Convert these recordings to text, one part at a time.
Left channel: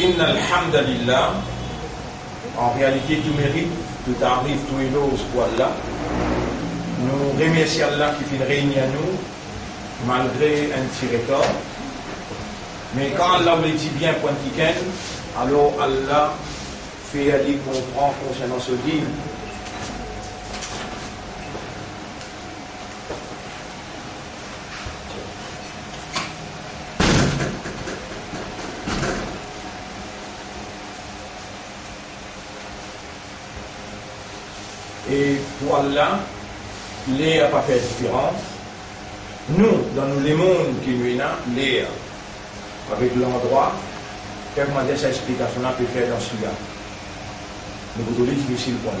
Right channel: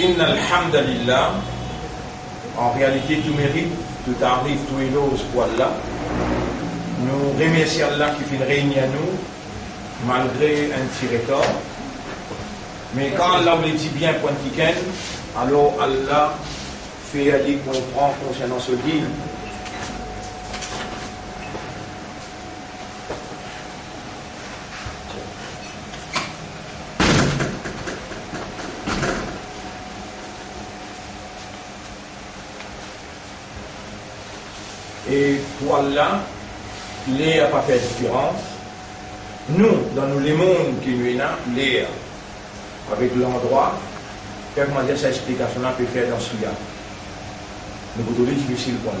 Inna alhamdulillah, en réalité tout mérite, tout arrive, tout éloge pour Allah. Nous remercions Allah qui fait régner à nous, malgré un petit retard. Mais quand Allah me dit bien point tiken, alors Allah fait aller comprendre concernant ce dîme. Et pour Allah, l'air n'a pas fait différence. Nous, dans les mondes qui nous sont, l'air, avec l'endroit, comment dire cette explication-là peut faire dans ce cas. Nous pouvons dire difficile pour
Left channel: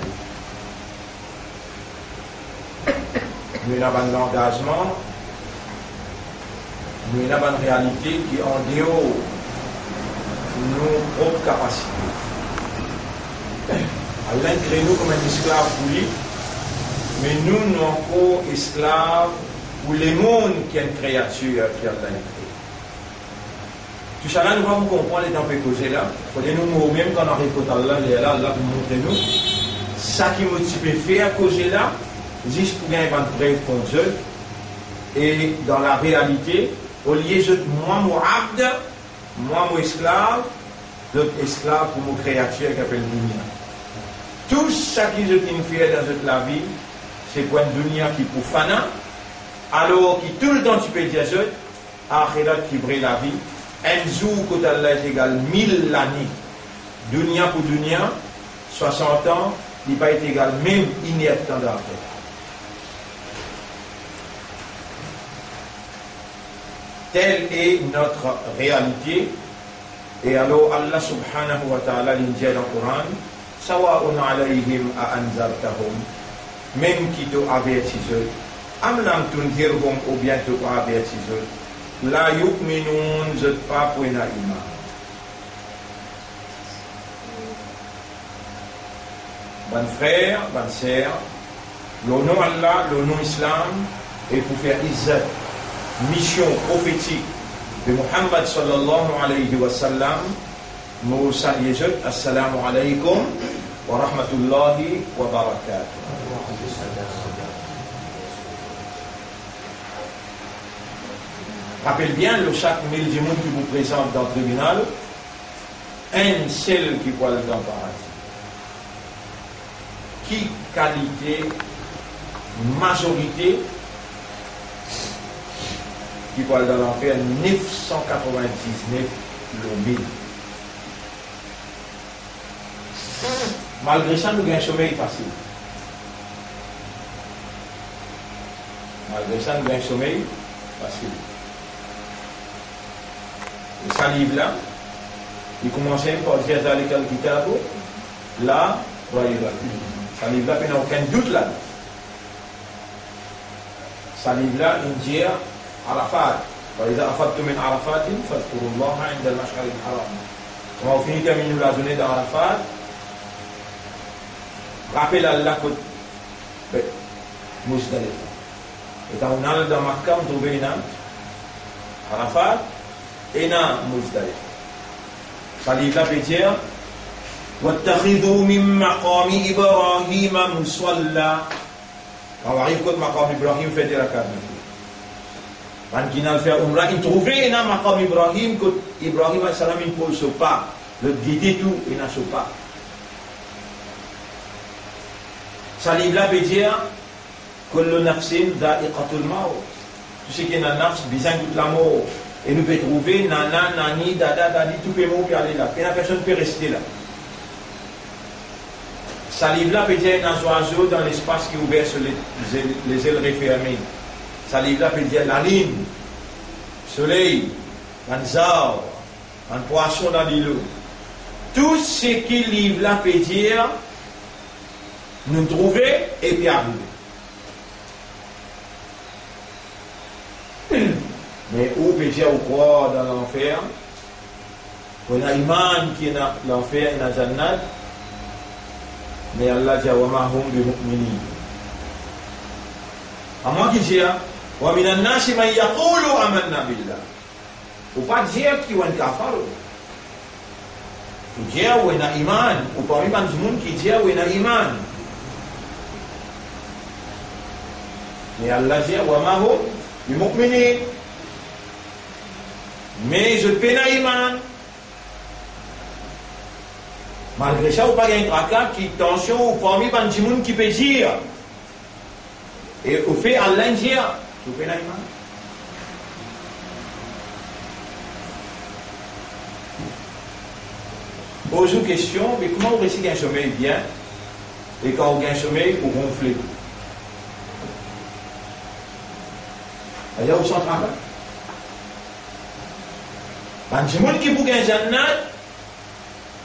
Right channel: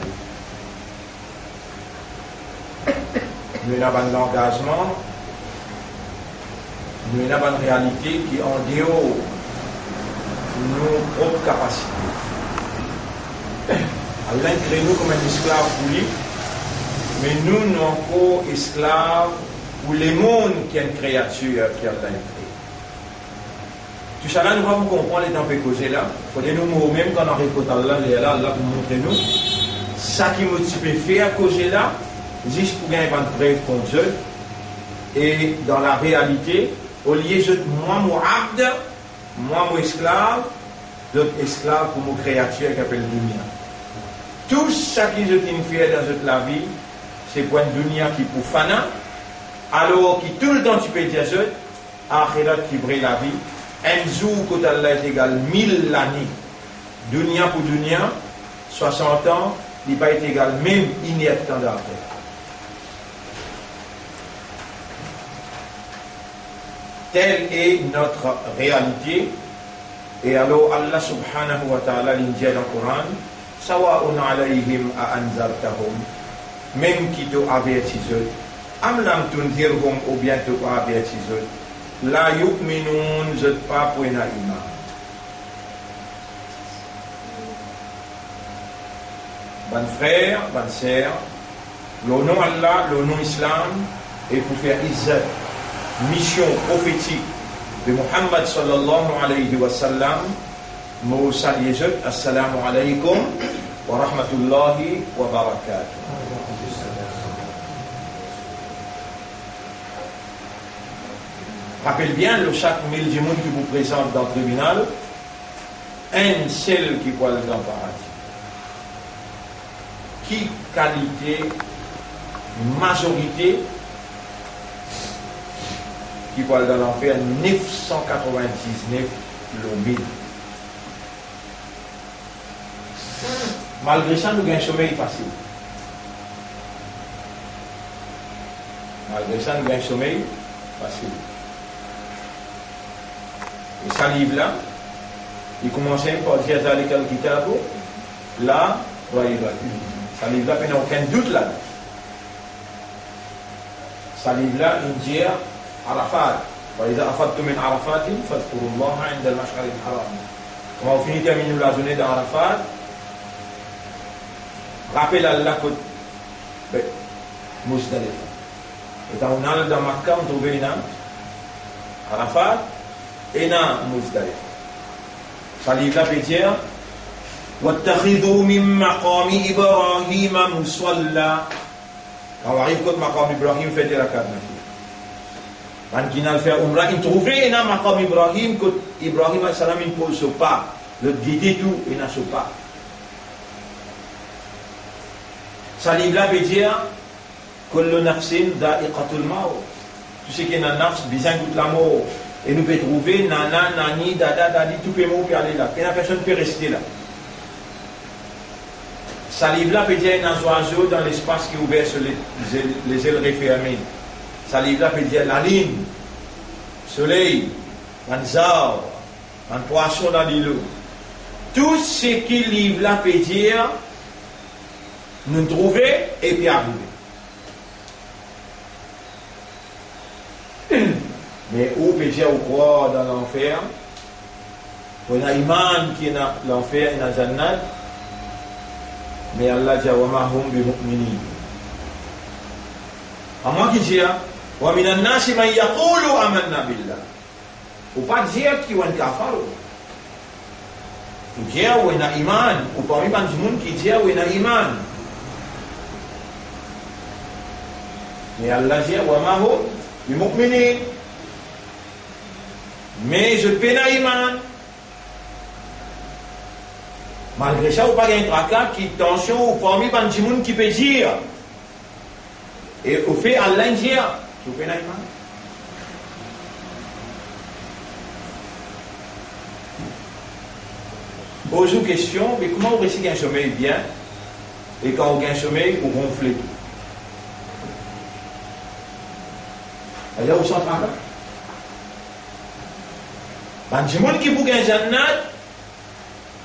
nous. Nous avons un engagement, nous avons une réalité qui est en dehors de nos propres capacités. Allah crée nous comme un esclave pour lui, mais nous sommes encore esclaves pour les mondes qui est une créature qui a créé. Tout ça là, nous allons comprendre les temps que causer là. Il faut nous même quand on récolte Allah, Allah pour montrer nous. Ça qui motive faire à causer là, juste pour gagner une preuve contre Dieu. Et dans la réalité, au lieu de moi, mon abd, moi, mon esclave, d'autres esclaves pour mon créature qui appelle Dunia. Tout ça qui je fait dans la vie, c'est pour une dunya qui pour fana, alors qui tout le temps tu peux dire ça, akhirat qui brille la vie, un jour quand Allah est égal 1000 années, dunya pour dunya, 60 ans, il n'est pas égal même inerte temps d'après. Telle est notre réalité, et alors Allah subhanahu wa ta'ala l'indique dans le Coran, Sawa'un alayhim a anzartahum, même qui t'ont averti eux, am lam tunzirhum ou bien t'ont averti eux, la yu'minun zot pas pour un iman. Bon frère, bonne sœur, le nom Allah, le nom Islam, et pour faire izzat, mission prophétique de Muhammad sallallahu alayhi wa sallam, nous saluons, assalamu alaykum wa rahmatullahi wa barakatuh. Rappelle bien, le chaque mille du monde qui vous présente dans le tribunal, un seul qui voit dans le paradis. Qui qualité, majorité, qui voit dans l'enfer 999 l'ombil. Malgré ça, nous avons un sommeil facile. Malgré ça, nous avons un sommeil facile. Et ça livre-là, il commençait par dire à l'école Kitabo, là, voyez, ça livre-là, il n'y a aucun doute là. Ça livre-là, il dit Arafat. وإذا أفضتم من عرفات فاذكروا الله عند المشعر الحرام. Quand on finit terminer la journée d'Arafat, rappelle Allah que Muzdalifa. Et quand on a dans Makkah, on trouve une Arafat et une Muzdalifa. Ça livre là peut dire واتخذوا من مقام إبراهيم مصلى. Quand on arrive contre Maqam Ibrahim, faites la carte. Quand il a fait Umrah, il trouvait un Maqam Ibrahim que Ibrahim il pose pas. Le guide tout, il n'a pas. Ça livre là peut dire que le nafsin da'iqatul maut. Tout ce qui est dans le nafs, besoin de la mort. Et nous pouvons trouver nana, nani, dada, dadi, tout le monde peut aller là. Et la personne peut rester là. Ça livre là peut dire un oiseau dans l'espace qui est ouvert sur les ailes refermées. Ça livre là peut dire la ligne, soleil, un zao, un poisson dans l'îlot. Tout ce qui livre là peut dire nous trouver et puis arriver. Mais où peut dire ou quoi dans l'enfer? On a iman qui est dans l'enfer et dans la jannat. Mais Allah dit wa ma hum bi mu'minin. À moi qui dis wa min an-nas man yaqulu amanna billah. Ou pas dire qui est un kafir. Qui dit ou est iman, ou parmi les gens qui dit ou est iman. Mais Allah dit wa ma hum bi mu'minin. Mais je peux pas iman. Malgré ça, ou pas un tracas qui tension ou parmi les gens qui peut dire. Et au fait Allah dit je peux pas iman. Pose une question, mais comment on réussit un sommeil bien et quand on a un sommeil, on ronfle. Alors, où sont tracas? Quand les gens qui bouquent un jannat,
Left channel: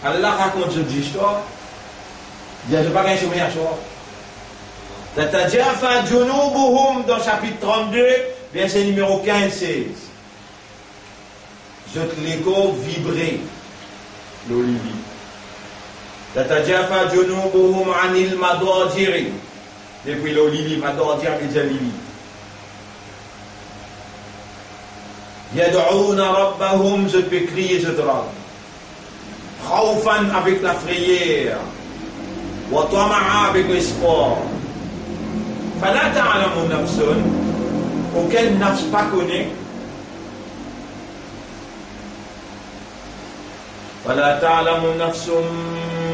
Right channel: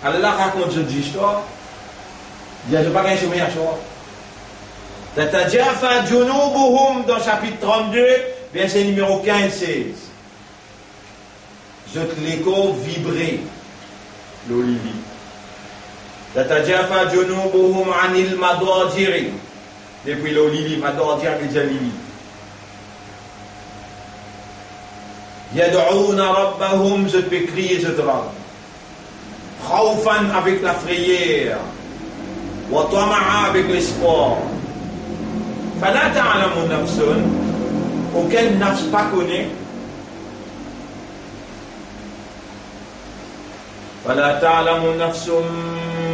Allah raconte cette histoire. Il dit, je n'ai pas un sommeil à soi. Tatajafa junubuhum dans chapitre 32, verset numéro 15-16. Je te l'écho vibrer. L'olivi. Tatajafa junubuhum anil madajiri. Depuis l'olivi, madajir et jalivi. Yad'ouna rabbahum, je peux crier, je te rends. Khawfan avec la frayère. Wa tama'a avec l'espoir. Fala ta'lamu nafsun, auquel nafs pas connaît. فلا تعلم نفس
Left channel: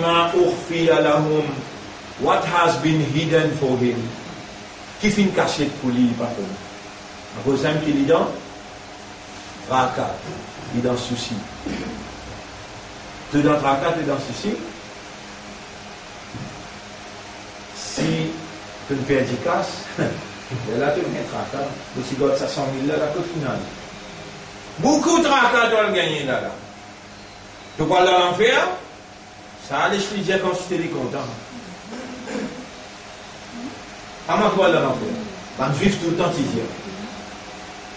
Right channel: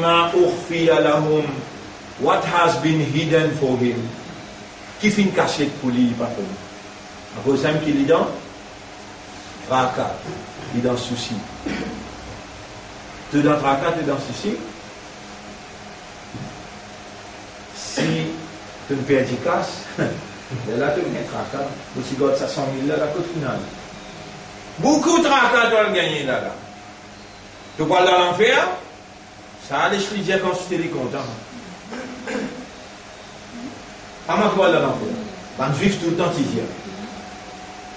ما أخفي لهم what has been hidden for him. Qui fait une cachette pour lui, pas connu. À cause d'un qui est dans tracas, il est dans souci. Tu es dans tracas, tu es dans souci. Si tu ne perds du casse, là tu as un tracas. Mais si tu as 100 000 là, la côte finale. Beaucoup de tracas tu vas gagner là. Tu parles dans l'enfer, ça a l'esprit de dire quand tu es content. Comment tu parles dans l'enfer? Ben, vivre tout le temps, tu dis.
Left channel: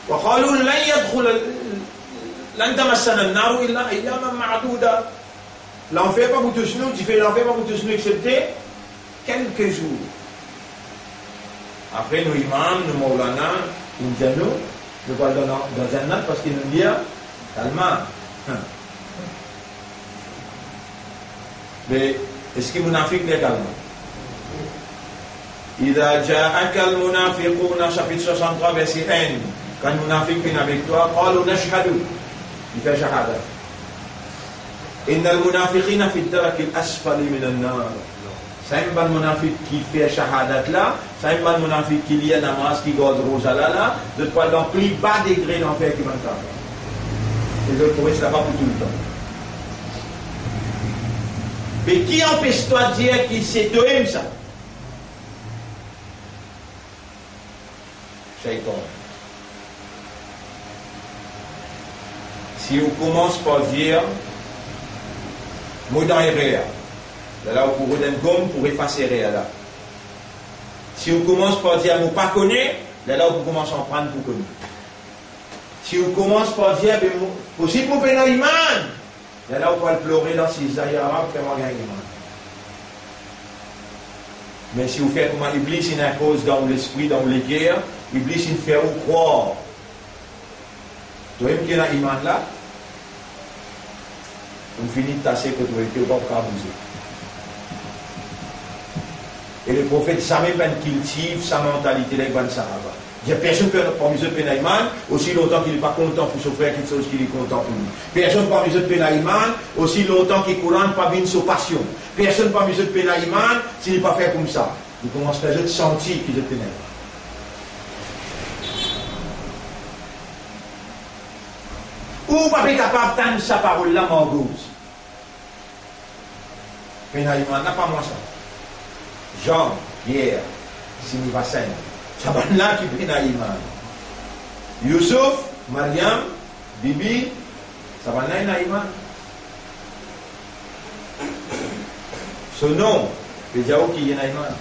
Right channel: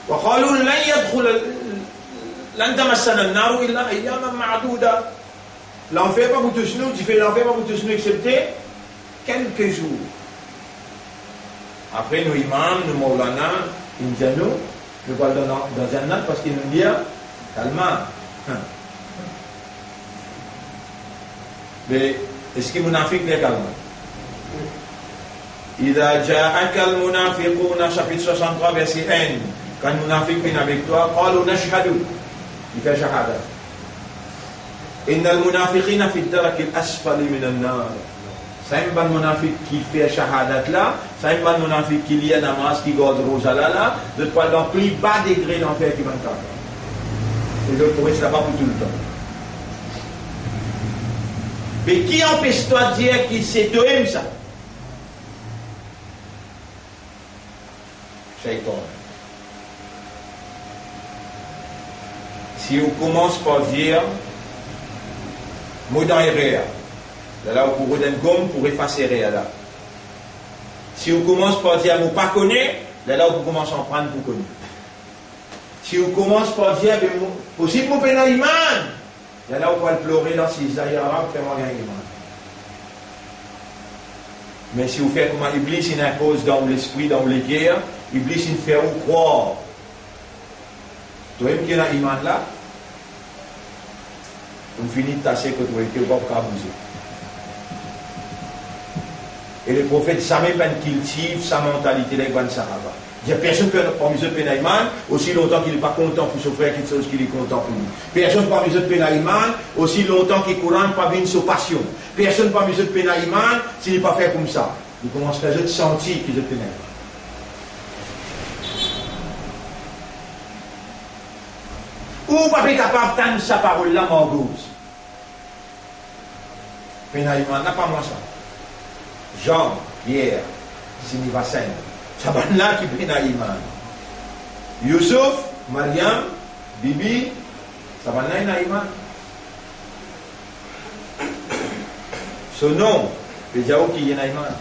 وقالوا لن تمسنا النار إلا أياما معدودة. L'enfer pas pour tous nous, tu fais l'enfer pas pour tous nous excepté quelques jours. Après nous imams, nous maulana, nous parlons dans Jannat parce qu'ils nous disent calmement. Mais est-ce que munafiq n'est calme? إذا جاءك المنافقون chapitre 63 verset 1 quand munafiq vient avec toi قالوا نشهد il fait shahada إن المنافقين في الدرك الأسفل من النار. C'est un bon munafiq qui fait shahadat là, c'est un bon munafiq qui lit la namaz, qui garde rosa là, de pas dans plus bas degré d'enfer qui va faire. Et je pourrais cela pas pour tout le temps. Mais qui empêche-toi de dire qu'il sait toi-même ça? Shaitan. Si on commence par dire, mot dans réa, là on pourrait donner gomme pour effacer réa là. Si on commence par dire, mot pas connaît, là on commence à en prendre pour connaître. Si on commence par dire, possible mon pénal iman. Là on va pleurer dans ces ayats arabes, faire un iman. Mais si vous faites comment Iblis il impose dans l'esprit, dans les guerres, Iblis il fait vous croire. Toi-même qui est dans l'iman là, on finit de tasser que tu es pas pour abuser. Et le prophète jamais pas cultive sa mentalité là, il Sahaba. Il n'y a personne parmi eux qui iman aussi longtemps qu'il n'est pas content pour son frère quelque chose qu'il est content pour lui. Personne parmi eux qui iman aussi longtemps qu'il courant pas bien sa passion. Personne parmi eux qui iman s'il n'est pas fait comme ça. Il commence à faire sentir qu'il est pénal. Ou pas capable d'entendre sa parole là, Margouze. Pénal iman n'a pas moi ça. Jean, Pierre, Sinivasen. Ça va là qui prend iman. Youssouf, Mariam, Bibi, ça va là iman. Son nom, le Jao qui est iman.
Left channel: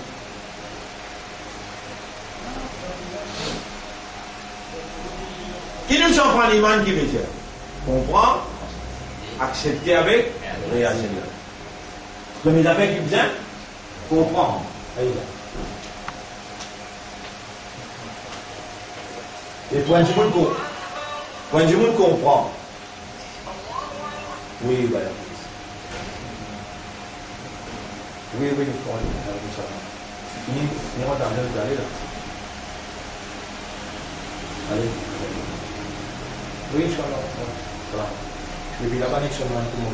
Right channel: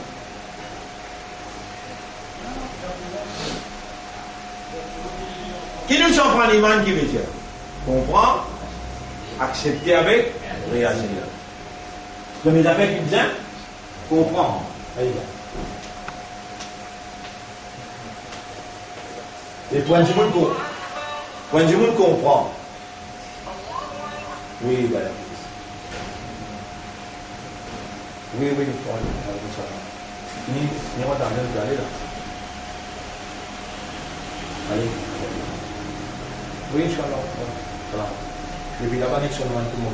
Qui nous en prend l'iman qui veut dire? Comprendre, accepter avec, réagir. Premier affaire qui vient, comprendre. Et point du monde comprend. Oui, voilà. Oui, oui, il faut aller. Fini, on t'a bien d'aller là. Allez. Oui, Inch'Allah. Voilà. Je vais là-bas, sur moi, tout le monde.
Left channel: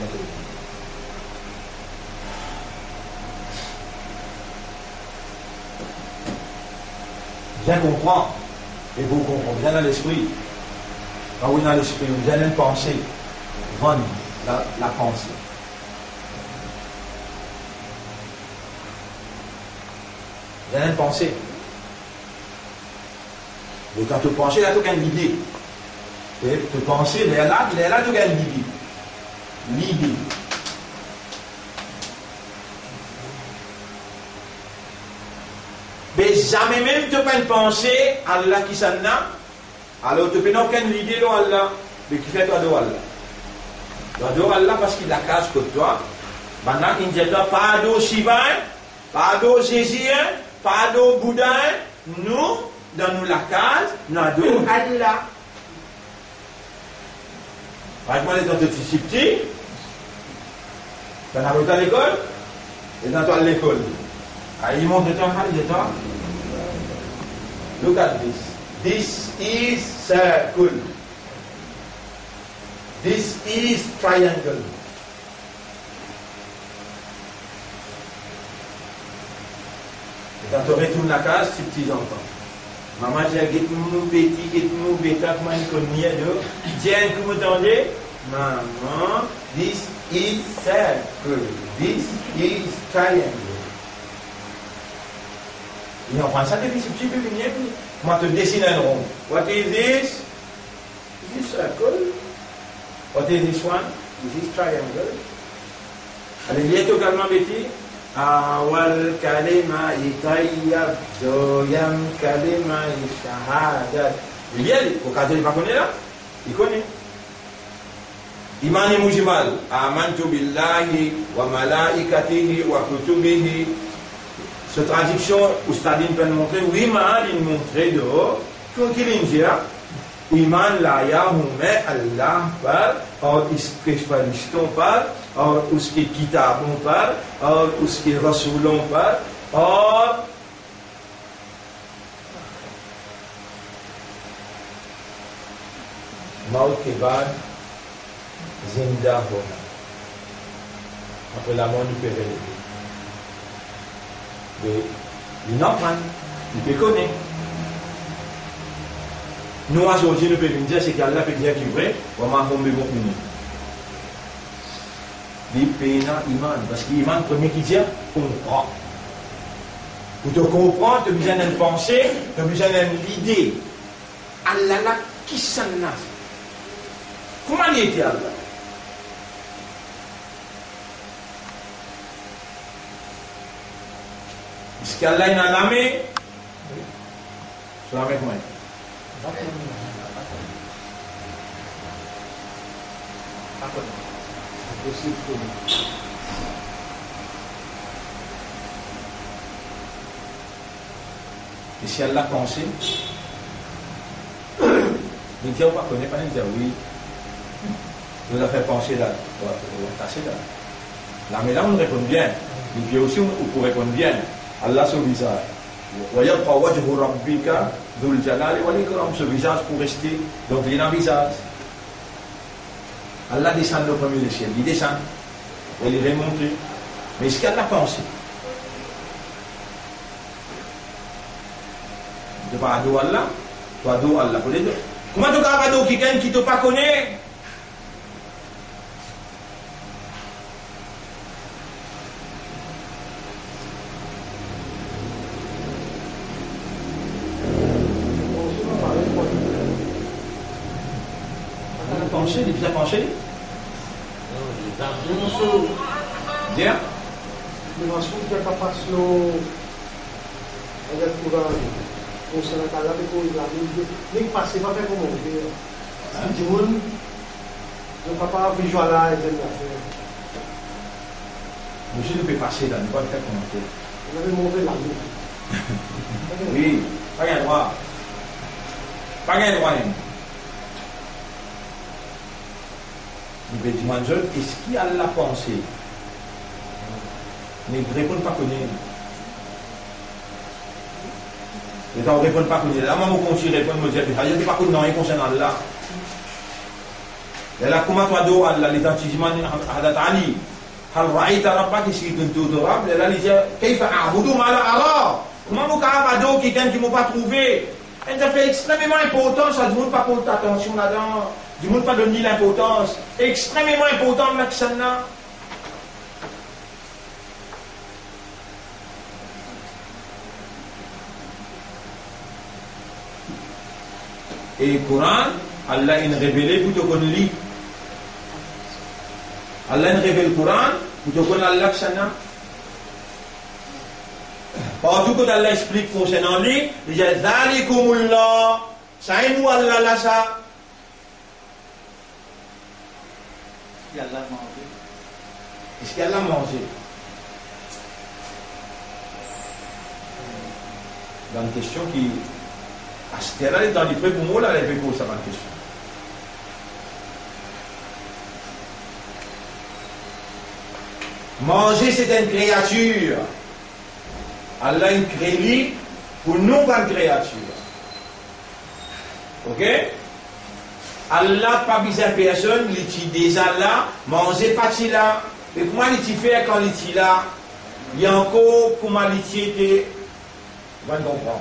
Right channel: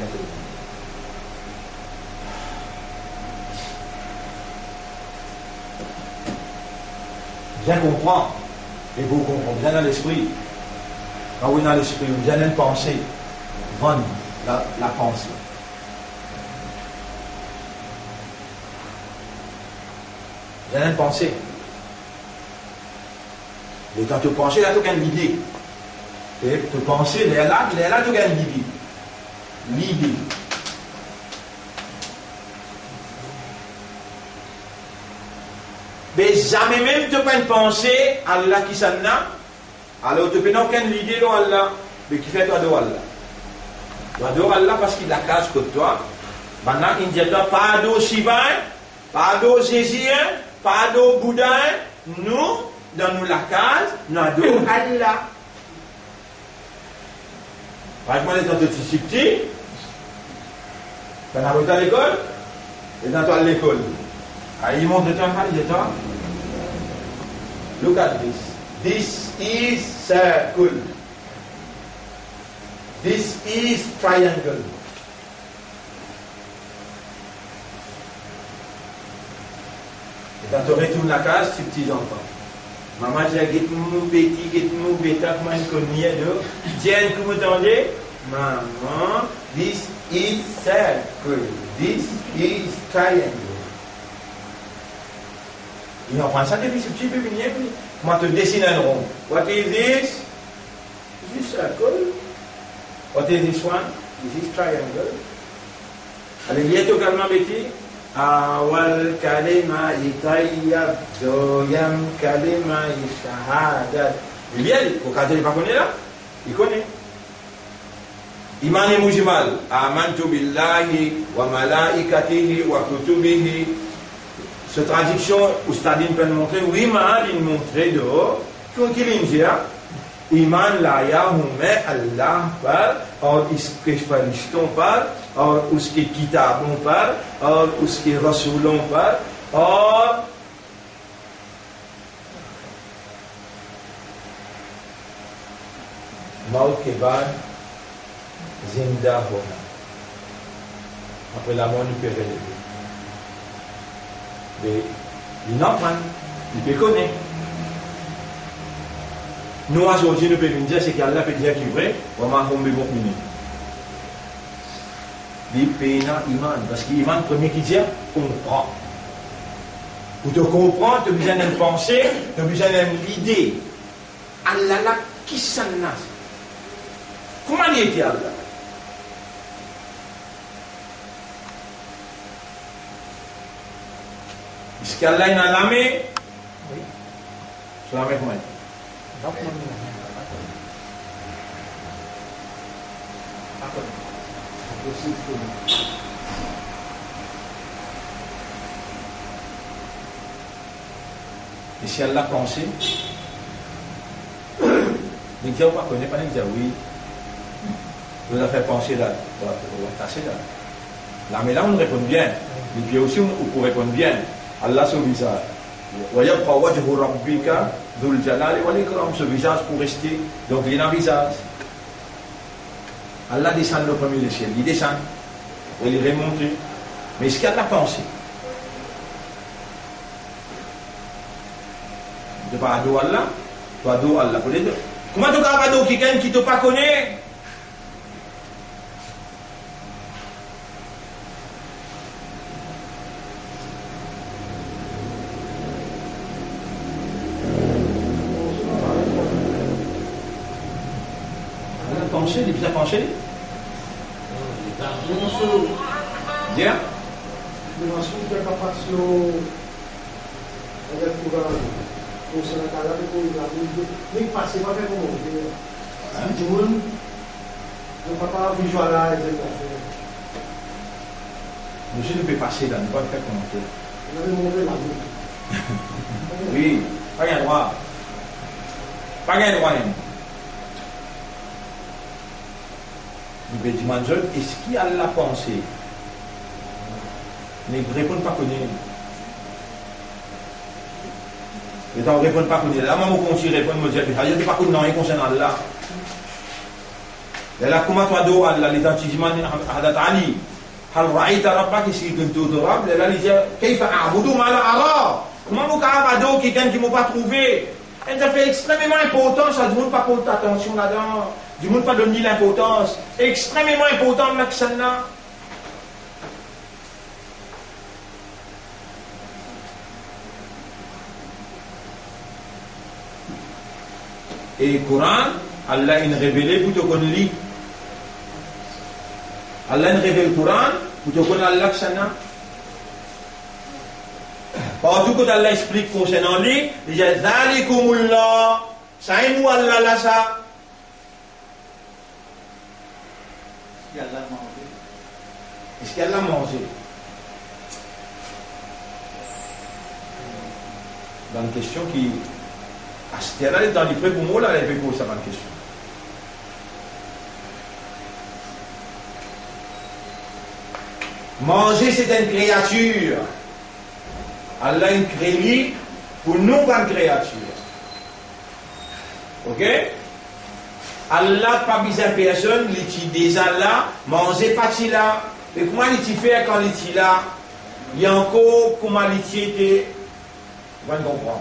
Bien comprendre, et vous comprenez, bien dans l'esprit. Quand vous êtes dans l'esprit, vous bien dans une pensée, vendre la pensée. Bien dans une pensée. Et quand tu penses, là, tu as une idée. Et tu penses, là, tu as une idée. L'idée. Mais jamais même tu peux pas penser à Allah qui s'en a. Alors tu peux pas aucune idée de Allah. Mais qui fait toi de Allah. Tu adores Allah parce qu'il a case que toi. Maintenant, il dit pas de Shiva, pas de Jésus, pas de Bouddha. Nous, dans nous la case, nous adorons Allah. Par exemple, dans ton petit petit, tu as à l'école, et dans toi l'école. Il montre de toi, il dit toi. Look at this. This is circle. This is triangle. Et quand tu retournes la case, c'est petits enfants. Maman dit, get mon petit, get mon bêta, comment il connaît de. Tiens, comment t'entendez? Maman, this is circle. This is triangle. Il en prend ça depuis ce petit peu mignon. Comment te dessine un rond? What is this? This is circle. What is this one? This is triangle. Allez, il y a également Betty. Awal kalima itayyab doyam kalima shahadat. Il y a, au cas où il ne connaît pas là, il connaît. Iman mujmal. Amantu billahi wa malaikatihi wa kutubihi. Cette traduction, Oustadine peut montrer, oui, mais il montrait dehors, qu'il dit, Iman la yahume Allah par, or iske fariston par, or uske kitabon par, or uske rasoulon par, or Maut Keban Zinda Hona. Après la mort, il peut relever. Mais il n'a pas, il peut connaître. Nous, aujourd'hui, nous pouvons dire c'est qu'Allah peut dire qu'il est vrai, ou ma tombe bon puni. Il peut iman, parce que l'iman, premier qui dit, comprend. Pour te comprendre, tu as besoin d'une pensée, tu as besoin d'une idée. Allah là, qui s'en a? Comment il était Allah? Est-ce qu'Allah est dans l'armée? Oui. C'est la même moyen. Et si Allah pensait, il dit, on ne connaît pas, il dit oui. Il nous a fait penser là, on va tasser là. Là, mais là, on répond bien. Et puis aussi, on peut répondre bien. Allah son visage. Ce visage pour rester. Donc il est dans le visage. Allah descend le premier du ciel. Il descend. Il est remonté. Mais est-ce qu'elle a pensé? Tu vas adorer Allah. Tu adores Allah. Comment tu vas adorer quelqu'un qui ne te pas connaît? Il est bien penché. Bien. Monsieur ne peut passer là, ne pas faire commenter. Oui, pas un droit. Pas un droit. Il veut dire, est-ce qu'il a la pensée? Mais ne répond pas connaître. Et on ne répond pas connaître. Là, moi, je continue à répondre, je dis, je ne sais pas connaître rien concernant Allah. Et là, comment toi, Allah, les antisements, Hadat Ali, هل رأيت ربك si كنت تراب là il dit كيف أعبد ما لا أرى comment vous abado quelqu'un qui m'a pas trouvé et ça fait extrêmement important ça du monde pas porter attention là-dedans du monde pas donner l'importance extrêmement important l'action là et le Coran Allah il révélé plutôt qu'on lit Allah nous révèle le Coran, pour te connaître Allah Shana. Partout que Allah explique concernant lui, il dit Zalikumullah, ça est nous Allah là ça. Est-ce qu'Allah a mangé? Dans une question qui. À ce terrain, dans les prêts pour moi, là, elle avait posé cette question. Manger, c'est une créature. Allah a créé pour nous comme créature. Ok? Allah pas besoin de personne, il dit déjà là, manger pas là. Et comment il fait quand il dit là? Il y a encore comment il était. Vous comprenez?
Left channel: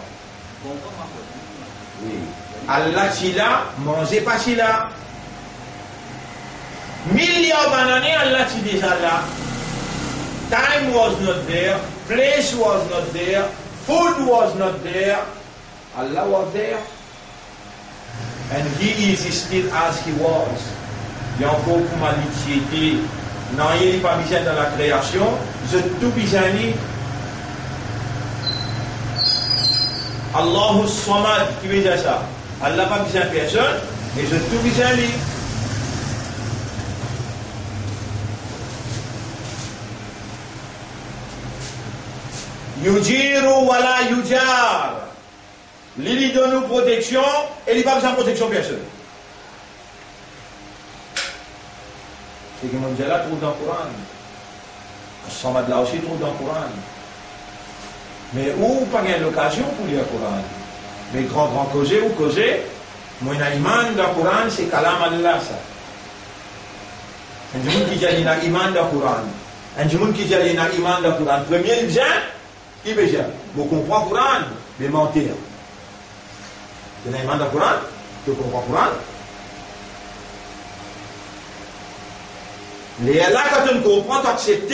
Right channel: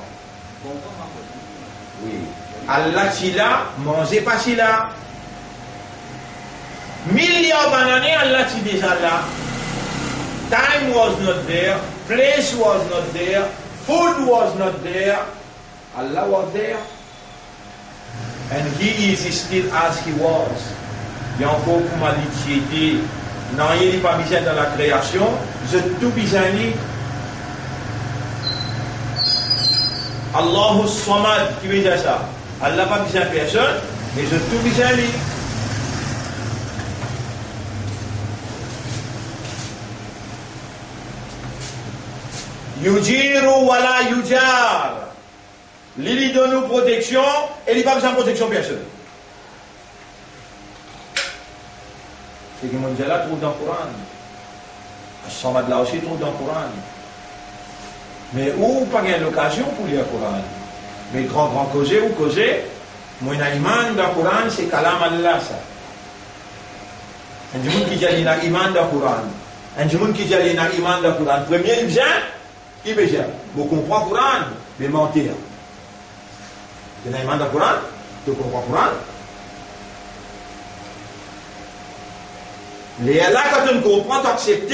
Oui. Allah dit là, manger pas là. Millions d'années, Allah dit déjà là. Time was not there, place was not there, food was not there, Allah was there. And He is still as He was. Il y a encore pour l'humanité. Non, il n'est pas besoin dans la création, je tout besoin. Allahu Samad, qui veut dire ça? Allah n'a pas besoin de personne, mais je tout besoin. Yujiru wala yujar. Il donne nous protection et il n'a pas besoin de protection personne. C'est que mon Dieu là trouve dans le Coran. Samad là aussi trouve dans le Coran. Mais où pas gain l'occasion pour lire le Coran. Mais grand causer ou causer, moi iman dans le Coran c'est kalam Allah ça. Un du monde qui dit il a iman dans le Coran. Un du monde qui dit il a iman dans le Coran. Premier il vient. Qui veut dire? Vous comprenez le Coran, mais mentir. Tu n'as pas le Coran, tu comprends le Coran. Les là, quand tu comprends, tu acceptes.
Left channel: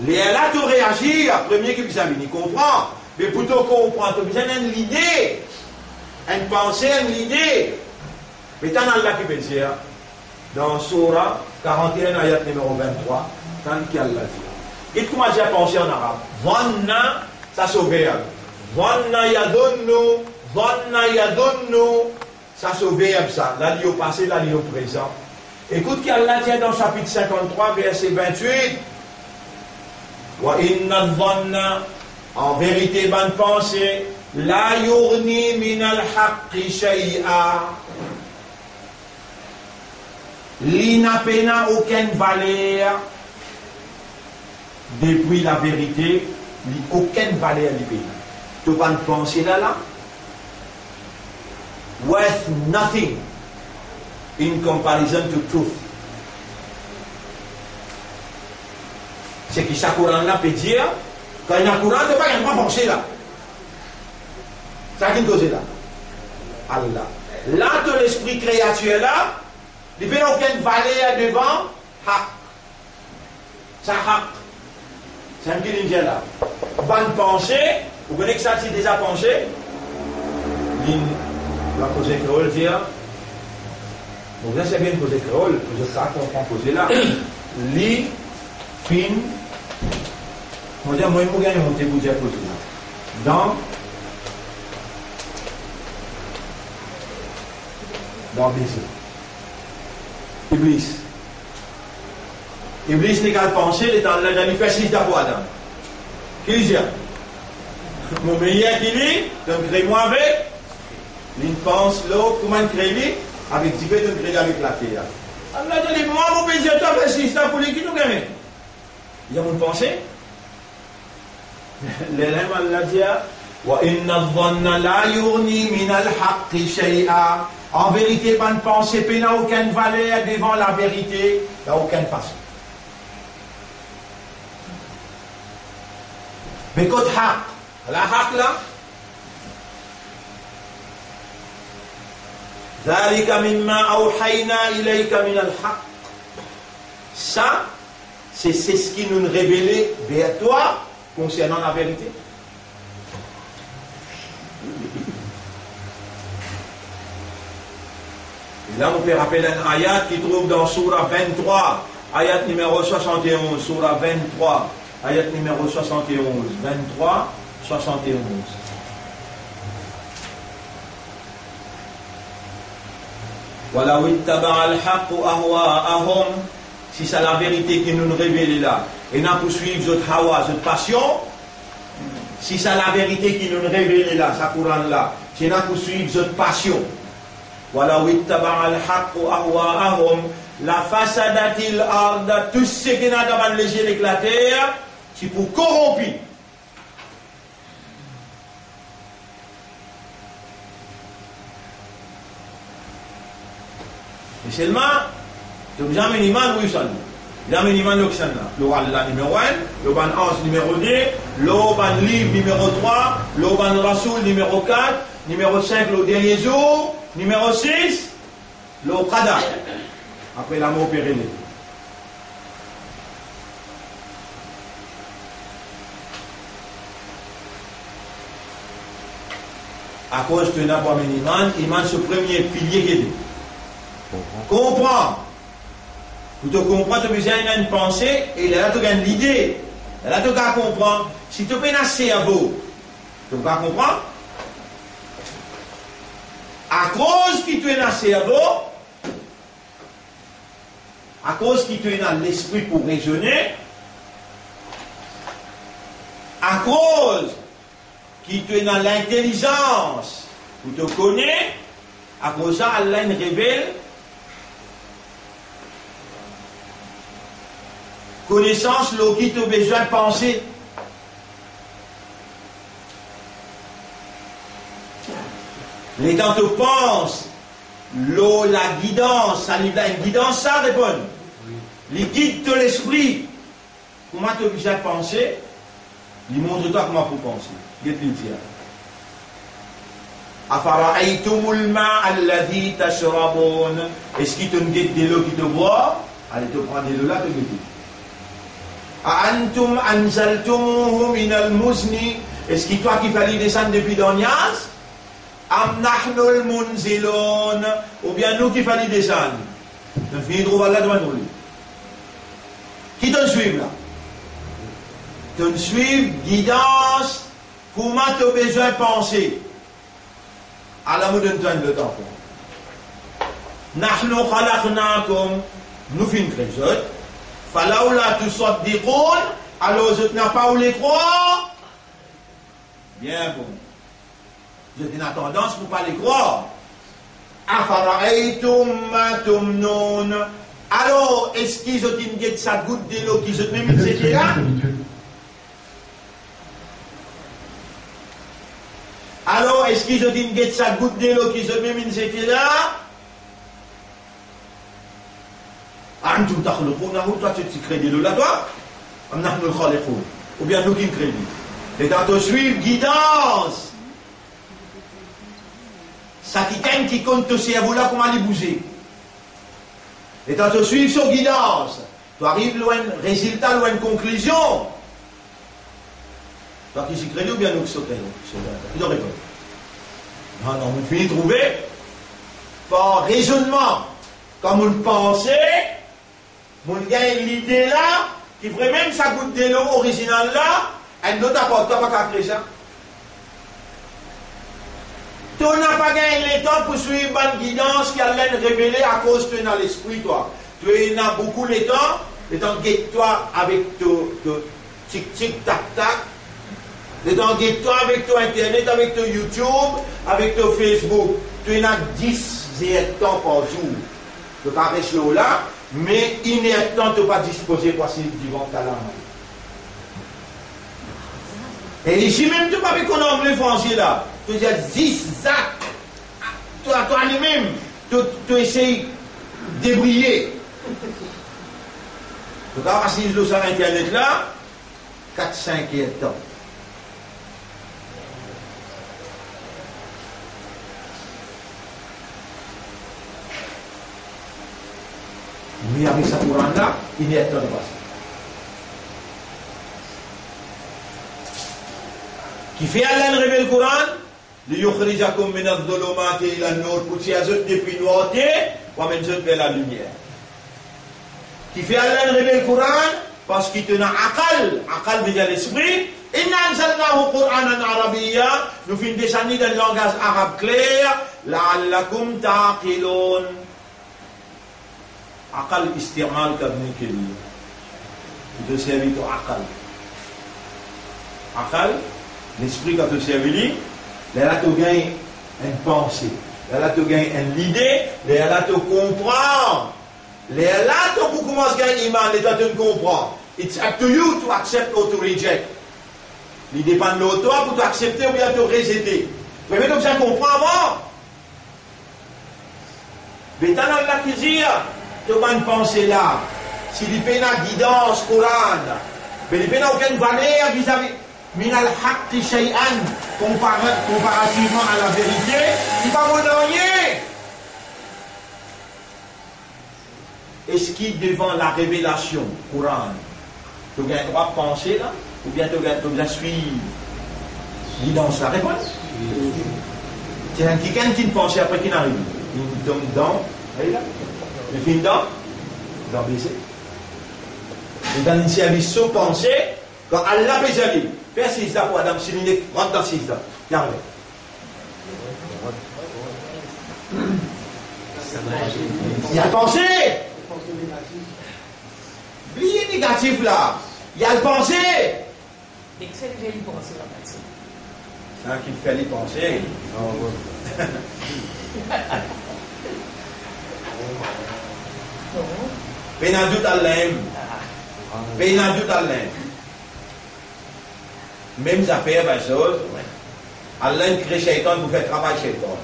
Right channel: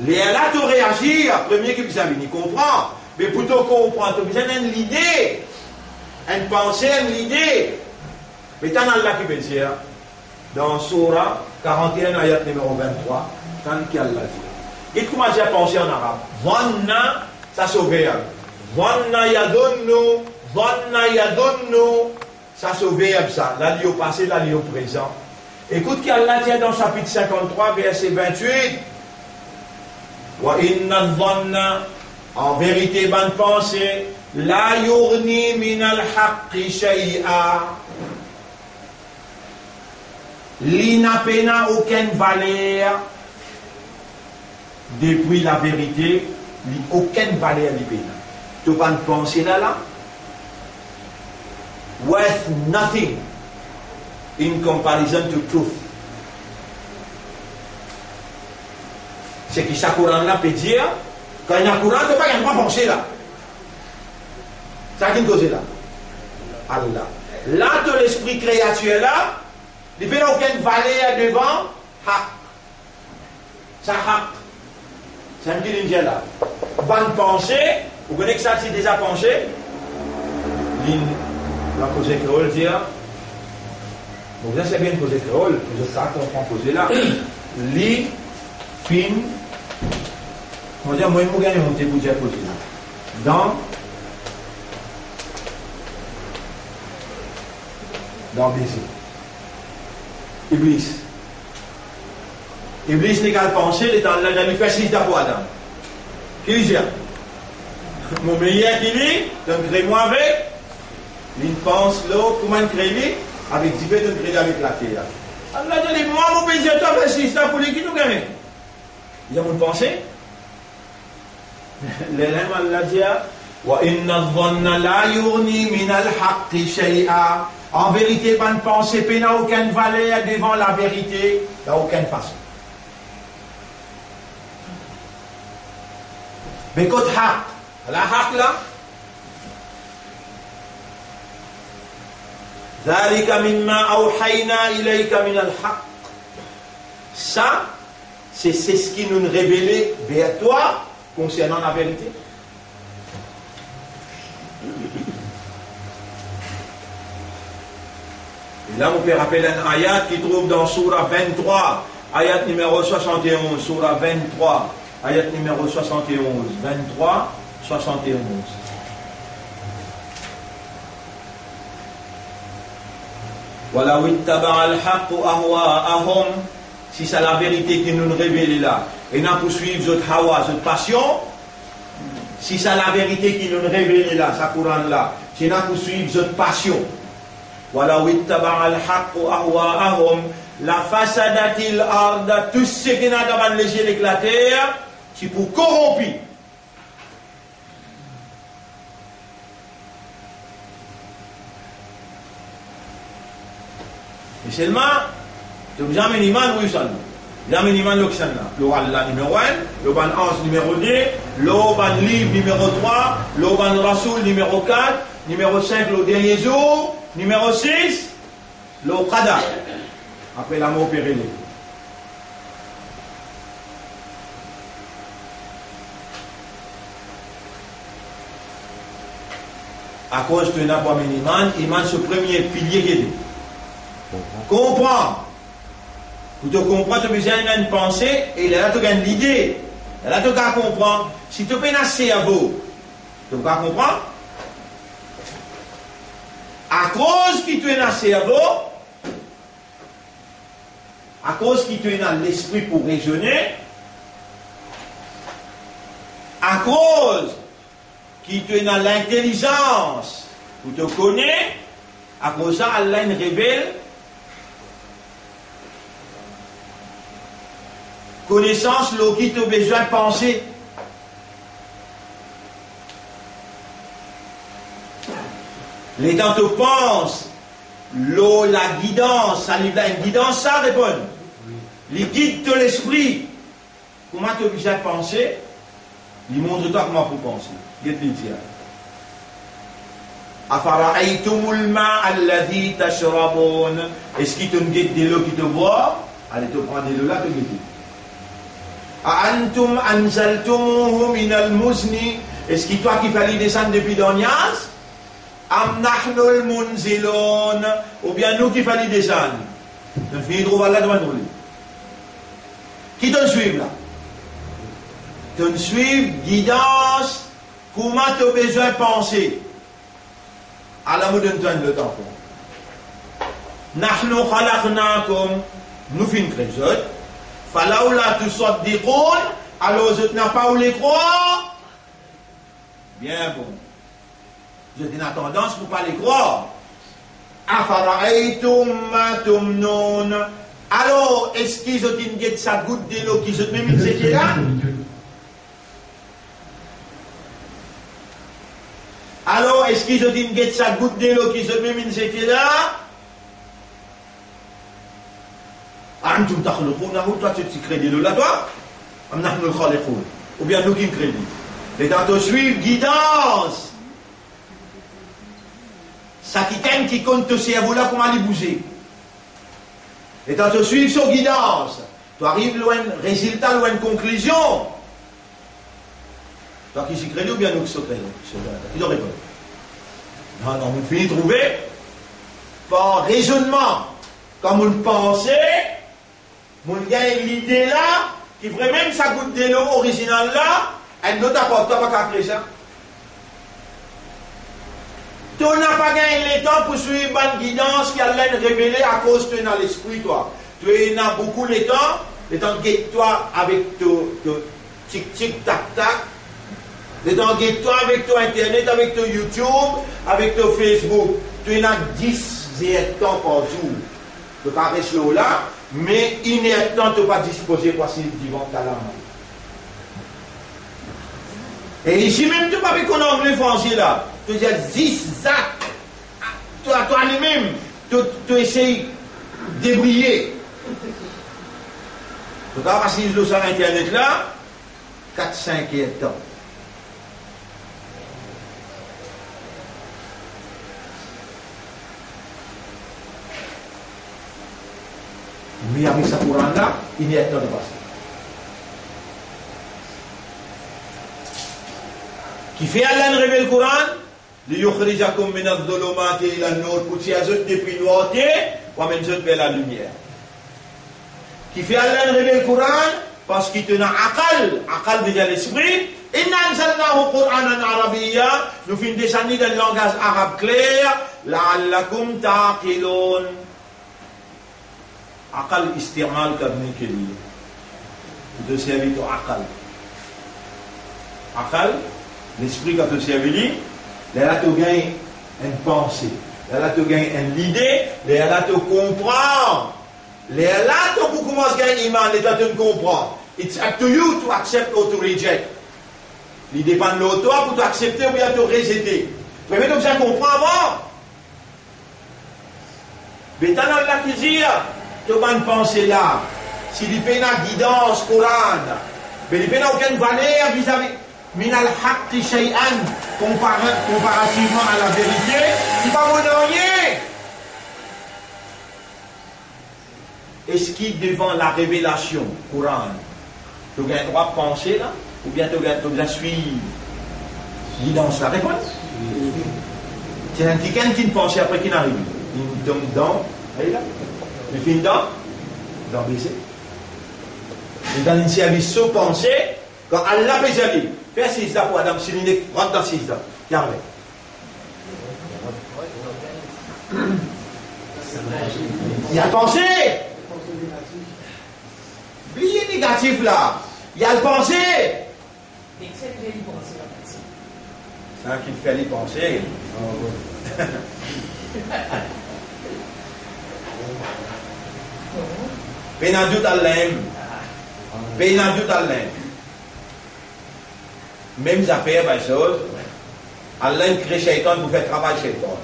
Les là, tu réagis. Le premier qui vient, il comprend. Mais plutôt comprendre, tu as besoin d'une idée, une pensée, une idée. Mais tu as Allah qui veut dire, dans Surah 41, ayat numéro 23, quand Allah dit. Et comment j'ai pensé en arabe? Vanna, ça sauve. Vanna yadunnu, ça sauve ça. Là, il est au passé, là, il est au présent. Écoute qu'Allah tient dans le chapitre 53, verset 28. Wa inna vanna, en vérité, bonne pensée, la yurni min al-haqqi shay'a. L'inape n'a aucune valeur. Depuis la vérité, il n'y a aucune valeur du pays. Tu vas penser là, worth nothing in comparison to truth. C'est que chaque Coran là peut dire, quand il y a un Coran, tu ne peux pas penser là. C'est qui cause là? Allah. Là, tout l'esprit créature là, il n'y a aucune valeur devant haq. Ça haq. C'est un qui dit là. Bonne pensée, vous connaissez que ça, c'est déjà pensé. La cause créole dit, vous savez bien cause créole, je sais qu'on prend poser là. Li, fin, moi je vais vous gagner monter pour dire poser là. Dans baiser. Iblis. Iblis n'est qu'à penser, il est en train de faire 6 d'abord Adam. Qui dit? Mon meilleur qui dit, donc crée-moi avec, il pense l'eau, comment créer avec divers de créer avec la terre. Allah dit, moi, mon pays, tu as fait 6 d'abord pour lui qui nous gagne. Il y a mon pensée. L'élève Allah dit wa inna dhanna la yurni min al-haqqi shay'a. En vérité, bonne pensée n'a aucune valeur devant la vérité, dans aucune façon. Mais quand haq, la haq là, ذلك مما أوحينا إليك من الحق. Ça, c'est ce qui nous révèle vers toi concernant la vérité. Et là, on peut rappeler un ayat qui trouve dans Surah 23, ayat numéro 71, Surah 23, ayat numéro 71, 23, 71. Voilà, si c'est la vérité qui nous révèle là, et n'a poursuivre notre hawa, notre passion, si c'est la vérité qui nous révèle là, ça Coran là, si n'a poursuivre notre passion, voilà, la fasadatil arda, tout ce qui n'a pas les cieux et la terre, c'est pour corrompre. Et seulement, tu as jamais iman oui ça. Jamais iman l'oxan là. Le numéro 1, le ban 11 numéro 2, le ban livre numéro 3, le ban rasoul numéro 4, numéro 5 le dernier jour, numéro 6, le qada. Après la mort périllée. À cause de n'importe quel iman, ce premier pilier qui est. Comprends. Pour te comprendre, tu as besoin d'une pensée et là, tu as une idée. Là, tu as comprendre. Si tu as un cerveau, tu vas comprendre. À cause que tu as un cerveau, à cause que tu as l'esprit pour raisonner, à cause que tu as l'intelligence pour te connaître, à cause de ça, Allah nous révèle connaissance, l'eau qui te besoin de penser. Les temps te pensent, l'eau, la guidance, ça livre une guidance, ça répond. Les guides de l'esprit. Comment tu as besoin de penser? Il montre-toi comment pour penser. Qu'est-ce dire? Afara'aytumul ma'a alladhi tashrabun. Est-ce qu'il te guide de l'eau qui te boit? Allez te prendre de l'eau là, te guide. Antum anzaltumuhu min al-muzni. Est-ce que toi qui fallait descendre depuis Donias? Am nahnul munzilun. Ou bien nous qui fallait descendre? Nous finissons trouver là devant nous. Qui te suit là? Te suivre, guidance, comment tu as besoin de penser? À la mode de le temps. Nahnu khalaqnakum. Nous finissons les autres. Falaoula tu sortes des rôles, alors je n'ai pas où les croire. Bien bon. Je n'ai pas tendance pour ne pas les croire. Afara'aytum ma tumnun. Alors, est-ce qu'ils ont une guette sa goutte de l'eau qui se met une séquelle là? Alors, est-ce qu'ils ont une guette sa goutte de l'eau qui se met une séquelle là? Toi tu crées de l'eau là, toi? Ou bien nous qui créons. Et dans te suivre, guidance. Ça qui compte te cerveau là, comment aller bouger. Et dans te suivre sur guidance. Tu arrives loin, résultat, loin de conclusion. Toi qui s'y crée ou bien nous qui s'y crée? Qui doit répondre? Non, non, on finit de trouver par raisonnement. Comme on pensait. Mon gars, l'idée là, qui ferait même sa goutte de l'eau originale là, elle ne t'a pas capté ça. Tu n'as pas gagné le temps pour suivre une guidance qui allait révéler à cause que tu es dans l'esprit, toi. Tu as beaucoup de temps guette-toi avec ton tic-tic, tac-tac, le temps guette-toi avec ton internet, avec ton YouTube, avec ton Facebook. Tu as 10 temps par jour. Tu caresses l'eau là. Mais inertant, tu n'es pas disposé pour passer devant ta lame. Et ici même, tu ne peux pas qu'on anglais français là. Tu dis zigzag. Toi-même, tu essayes de débrouiller. Donc, quand on va sur Internet là, 4-5 temps. Mais avec ce Coran là, il y a temps de passer. Qui fait Allah révéler le Coran, ليخرجكم من الظلمات إلى النور, pour tirer depuis la noirté, pour amener vers la lumière. Qui fait Allah révéler le Coran, parce qu'il te a aqal déjà l'esprit. Inna anzalnahu Qur'anan arabiyya, nous finissons descendre dans le langage arabe clair, la'allakum ta'qilun. Aqal istimal kabni keli. Tu te servis ton aqal. Aqal, l'esprit quand tu servis, là tu gagnes une pensée, là tu gagnes une idée, là tu comprends. Là tu commences à gagner iman, là tu comprends. It's up to you to accept or to reject. Il dépend de l'autre pour t'accepter ou bien te rejeter. Tu peux comme ça comprendre avant. Mais dans la cuisine, tu as une pensée là. Si il n'y a pas de guidance, Coran, mais il n'y a aucune valeur vis-à-vis. Min al-haqti shay'an, comparativement à la vérité, il va vous rien. Est-ce qu'il devant la révélation, Coran, tu as le droit de penser là, ou bien tu as le droit de suivre guidance la réponse? C'est un quelqu'un qui ne pense après qu'il arrive. Il tombe dans, allez là, il finit dans baiser. Il dans une service sans penser, quand Allah peut aller. Fais 6 ans pour Adam, si il rentre dans 6 ans. Regardez. Il y a pensé. Oubliez négatif là. Il y a le pensé. Mais c'est le penser là. C'est un qui fait les pensées. Pénadut Allah. Pénadut Allah. Même affaires, ben chose, Allah crée Shaitan pour faire travail Shaitan.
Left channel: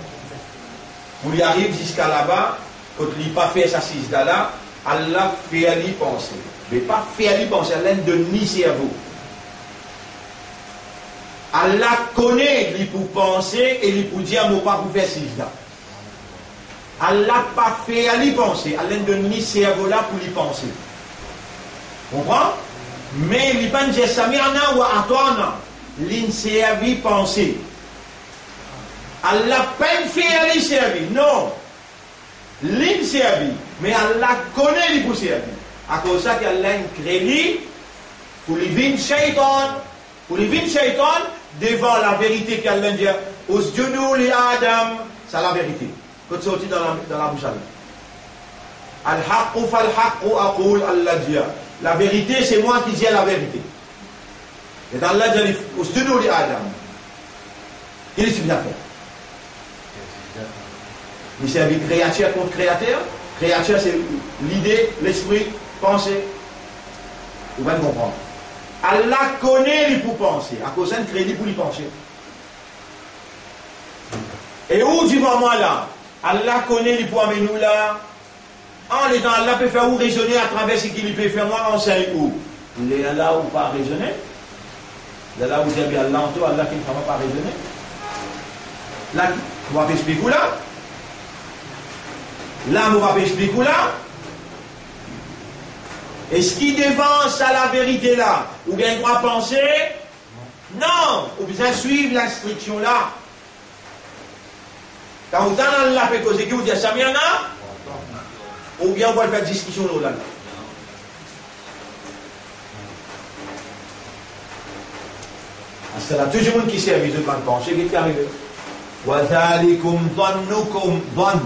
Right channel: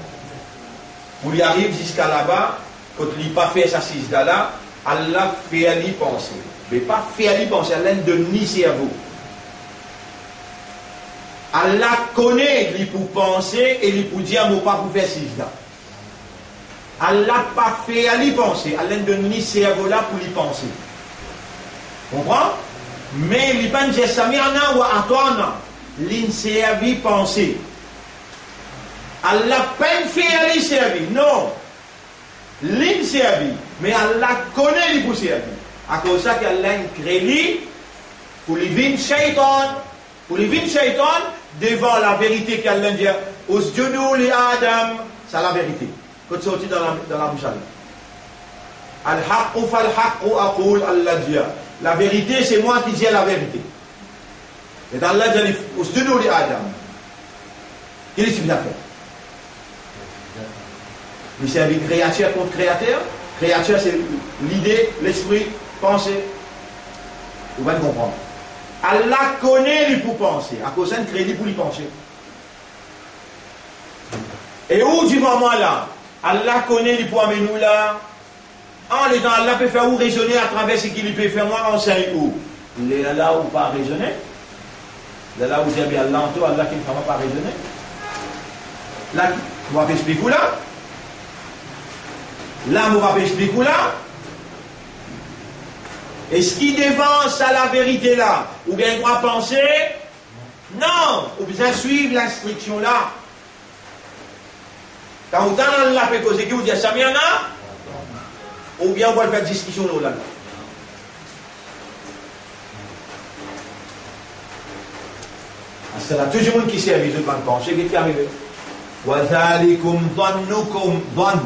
Pour y arriver jusqu'à là-bas, quand il n'a pas fait sa sisda là, Allah fait à lui penser. Mais pas fait à lui penser, Allah ne donne ni cerveau. Allah connaît lui pour penser et lui pour dire moi pas pour faire sisda. Allah pas fait à lui penser, Allah ne donne ni cerveau là pour lui penser. Comprends? Mais il pas dire Samirna ou Atwana, l'inservi penser. Allah peine fait à lui servir. Non. L'inservi. Mais Allah connaît lui pour servir. À cause de ça qu'Allah crée lui pour lui vin shaitan. Pour lui vin shaitan devant la vérité qu'Allah dit. Usjudu li Adam. C'est la vérité. Quand tu sortis dans la bouche d'Allah. Al-haqqu fal-haqqu aqul Allah dit. La vérité, c'est moi qui dis la vérité. Et Allah dit, Usjudu li Adam. Il est suffisant à faire. Il servit créateur contre créateur. Créateur, c'est l'idée, l'esprit, penser. Vous allez comprendre. Allah connaît lui pour penser. À cause d'un crédit pour lui penser. Et où du moment là, Allah connaît lui pour amener nous là. En l'étant, Allah peut faire où raisonner à travers ce qu'il peut faire moi enseigne où. Il est là où pas raisonner. Il est là où j'ai bien Allah en tout, Allah qui ne fait pas raisonner. Là, on va expliquer où là. Là, on va expliquer où là. Est-ce qu'il devance à la vérité là? Ou bien il doit penser? Non, ou bien suivre l'instruction là. Quand vous avez Allah fait causer, vous dites ça, il y en a? Ou bien on va faire discussion là. C'est là, tout le monde qui sert, ils ont pensé, qu'est-ce qui est arrivé? وَذَلِكُمْ ظَنُّكُمْ ظَنُّ.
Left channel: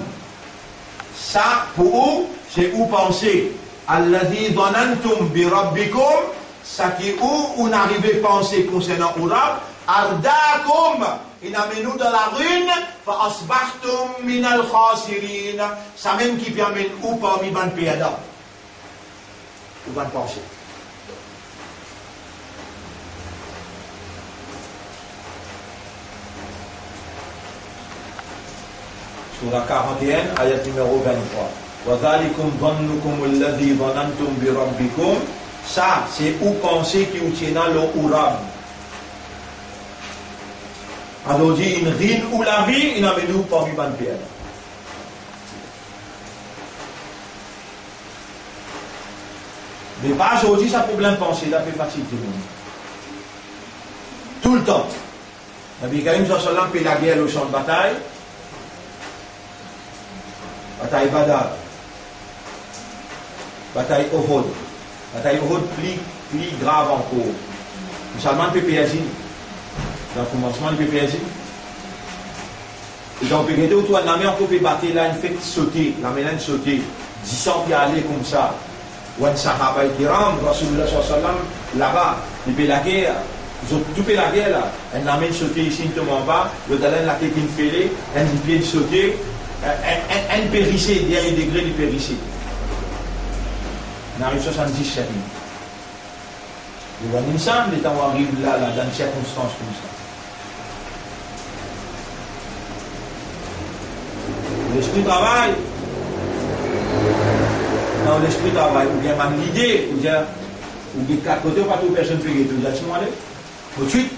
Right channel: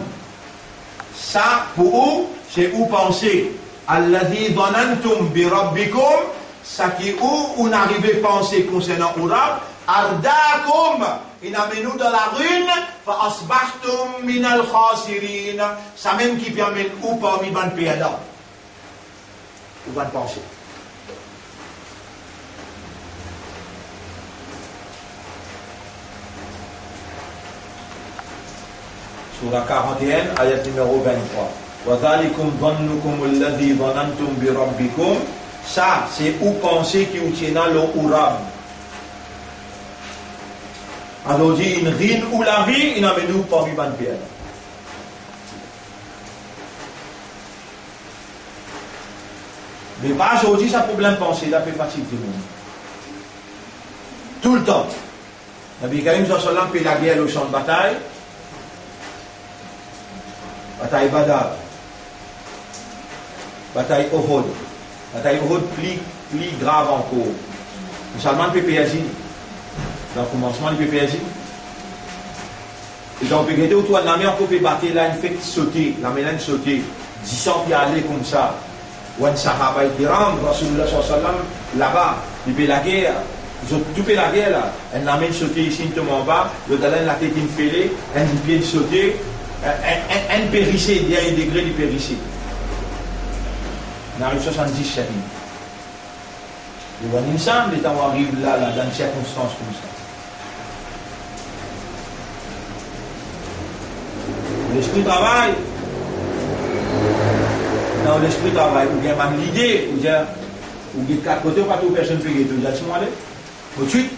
Ça, pour où? C'est où penser. الَّذِي ظَنَنْتُمْ بِرَبِّكُمْ. Ça qui est où on arrive à penser concernant Urab. أَرْدَاكُمْ. Il amène nous dans la ruine. فَأَصْبَحْتُمْ مِنَ الْخَاسِرِينَ. Ça même qui permet où parmi ban perdants. Ou ban penser. Surah 41, ayat numéro 23. وَذَلِكُمْ ظَنُّكُمُ الَّذِي ظَنَنْتُمْ بِرَبِّكُمْ. Ça, c'est où penser qui vous tient dans le Urab. Alors, dit, une rine ou la vie, il a mis nous parmi ban pierre. Mais pas aujourd'hui, ça problème penser, là, fait fatigue du monde. Tout le temps. Nabi Karim sallam fait la guerre au champ de bataille. Bataille Badar. Bataille Uhud. Bataille Uhud plus grave encore. Musulman peut périr. Dans le commencement, il peut périr. Et donc, on peut regarder autour de la mer, on peut battre là, une fait sauter, la mélange sauter, 10 ans puis aller comme ça. Ou un sahaba kiram, Rasulullah sallam, là-bas, il fait la guerre. Ils ont tout fait la guerre là. Elle l'amène sauter ici, tout en bas, le talent la tête infélée, elle vient sauter, elle périssait, dernier degré du périssait. On arrive 77 000. Ils vont ensemble, les temps où arrive là, dans des circonstances comme ça. L'esprit travaille. Dans l'esprit travaille, ou bien même l'idée, ou bien quatre côtés, pas toute personne fait tout. Vous êtes moi aller tout de suite.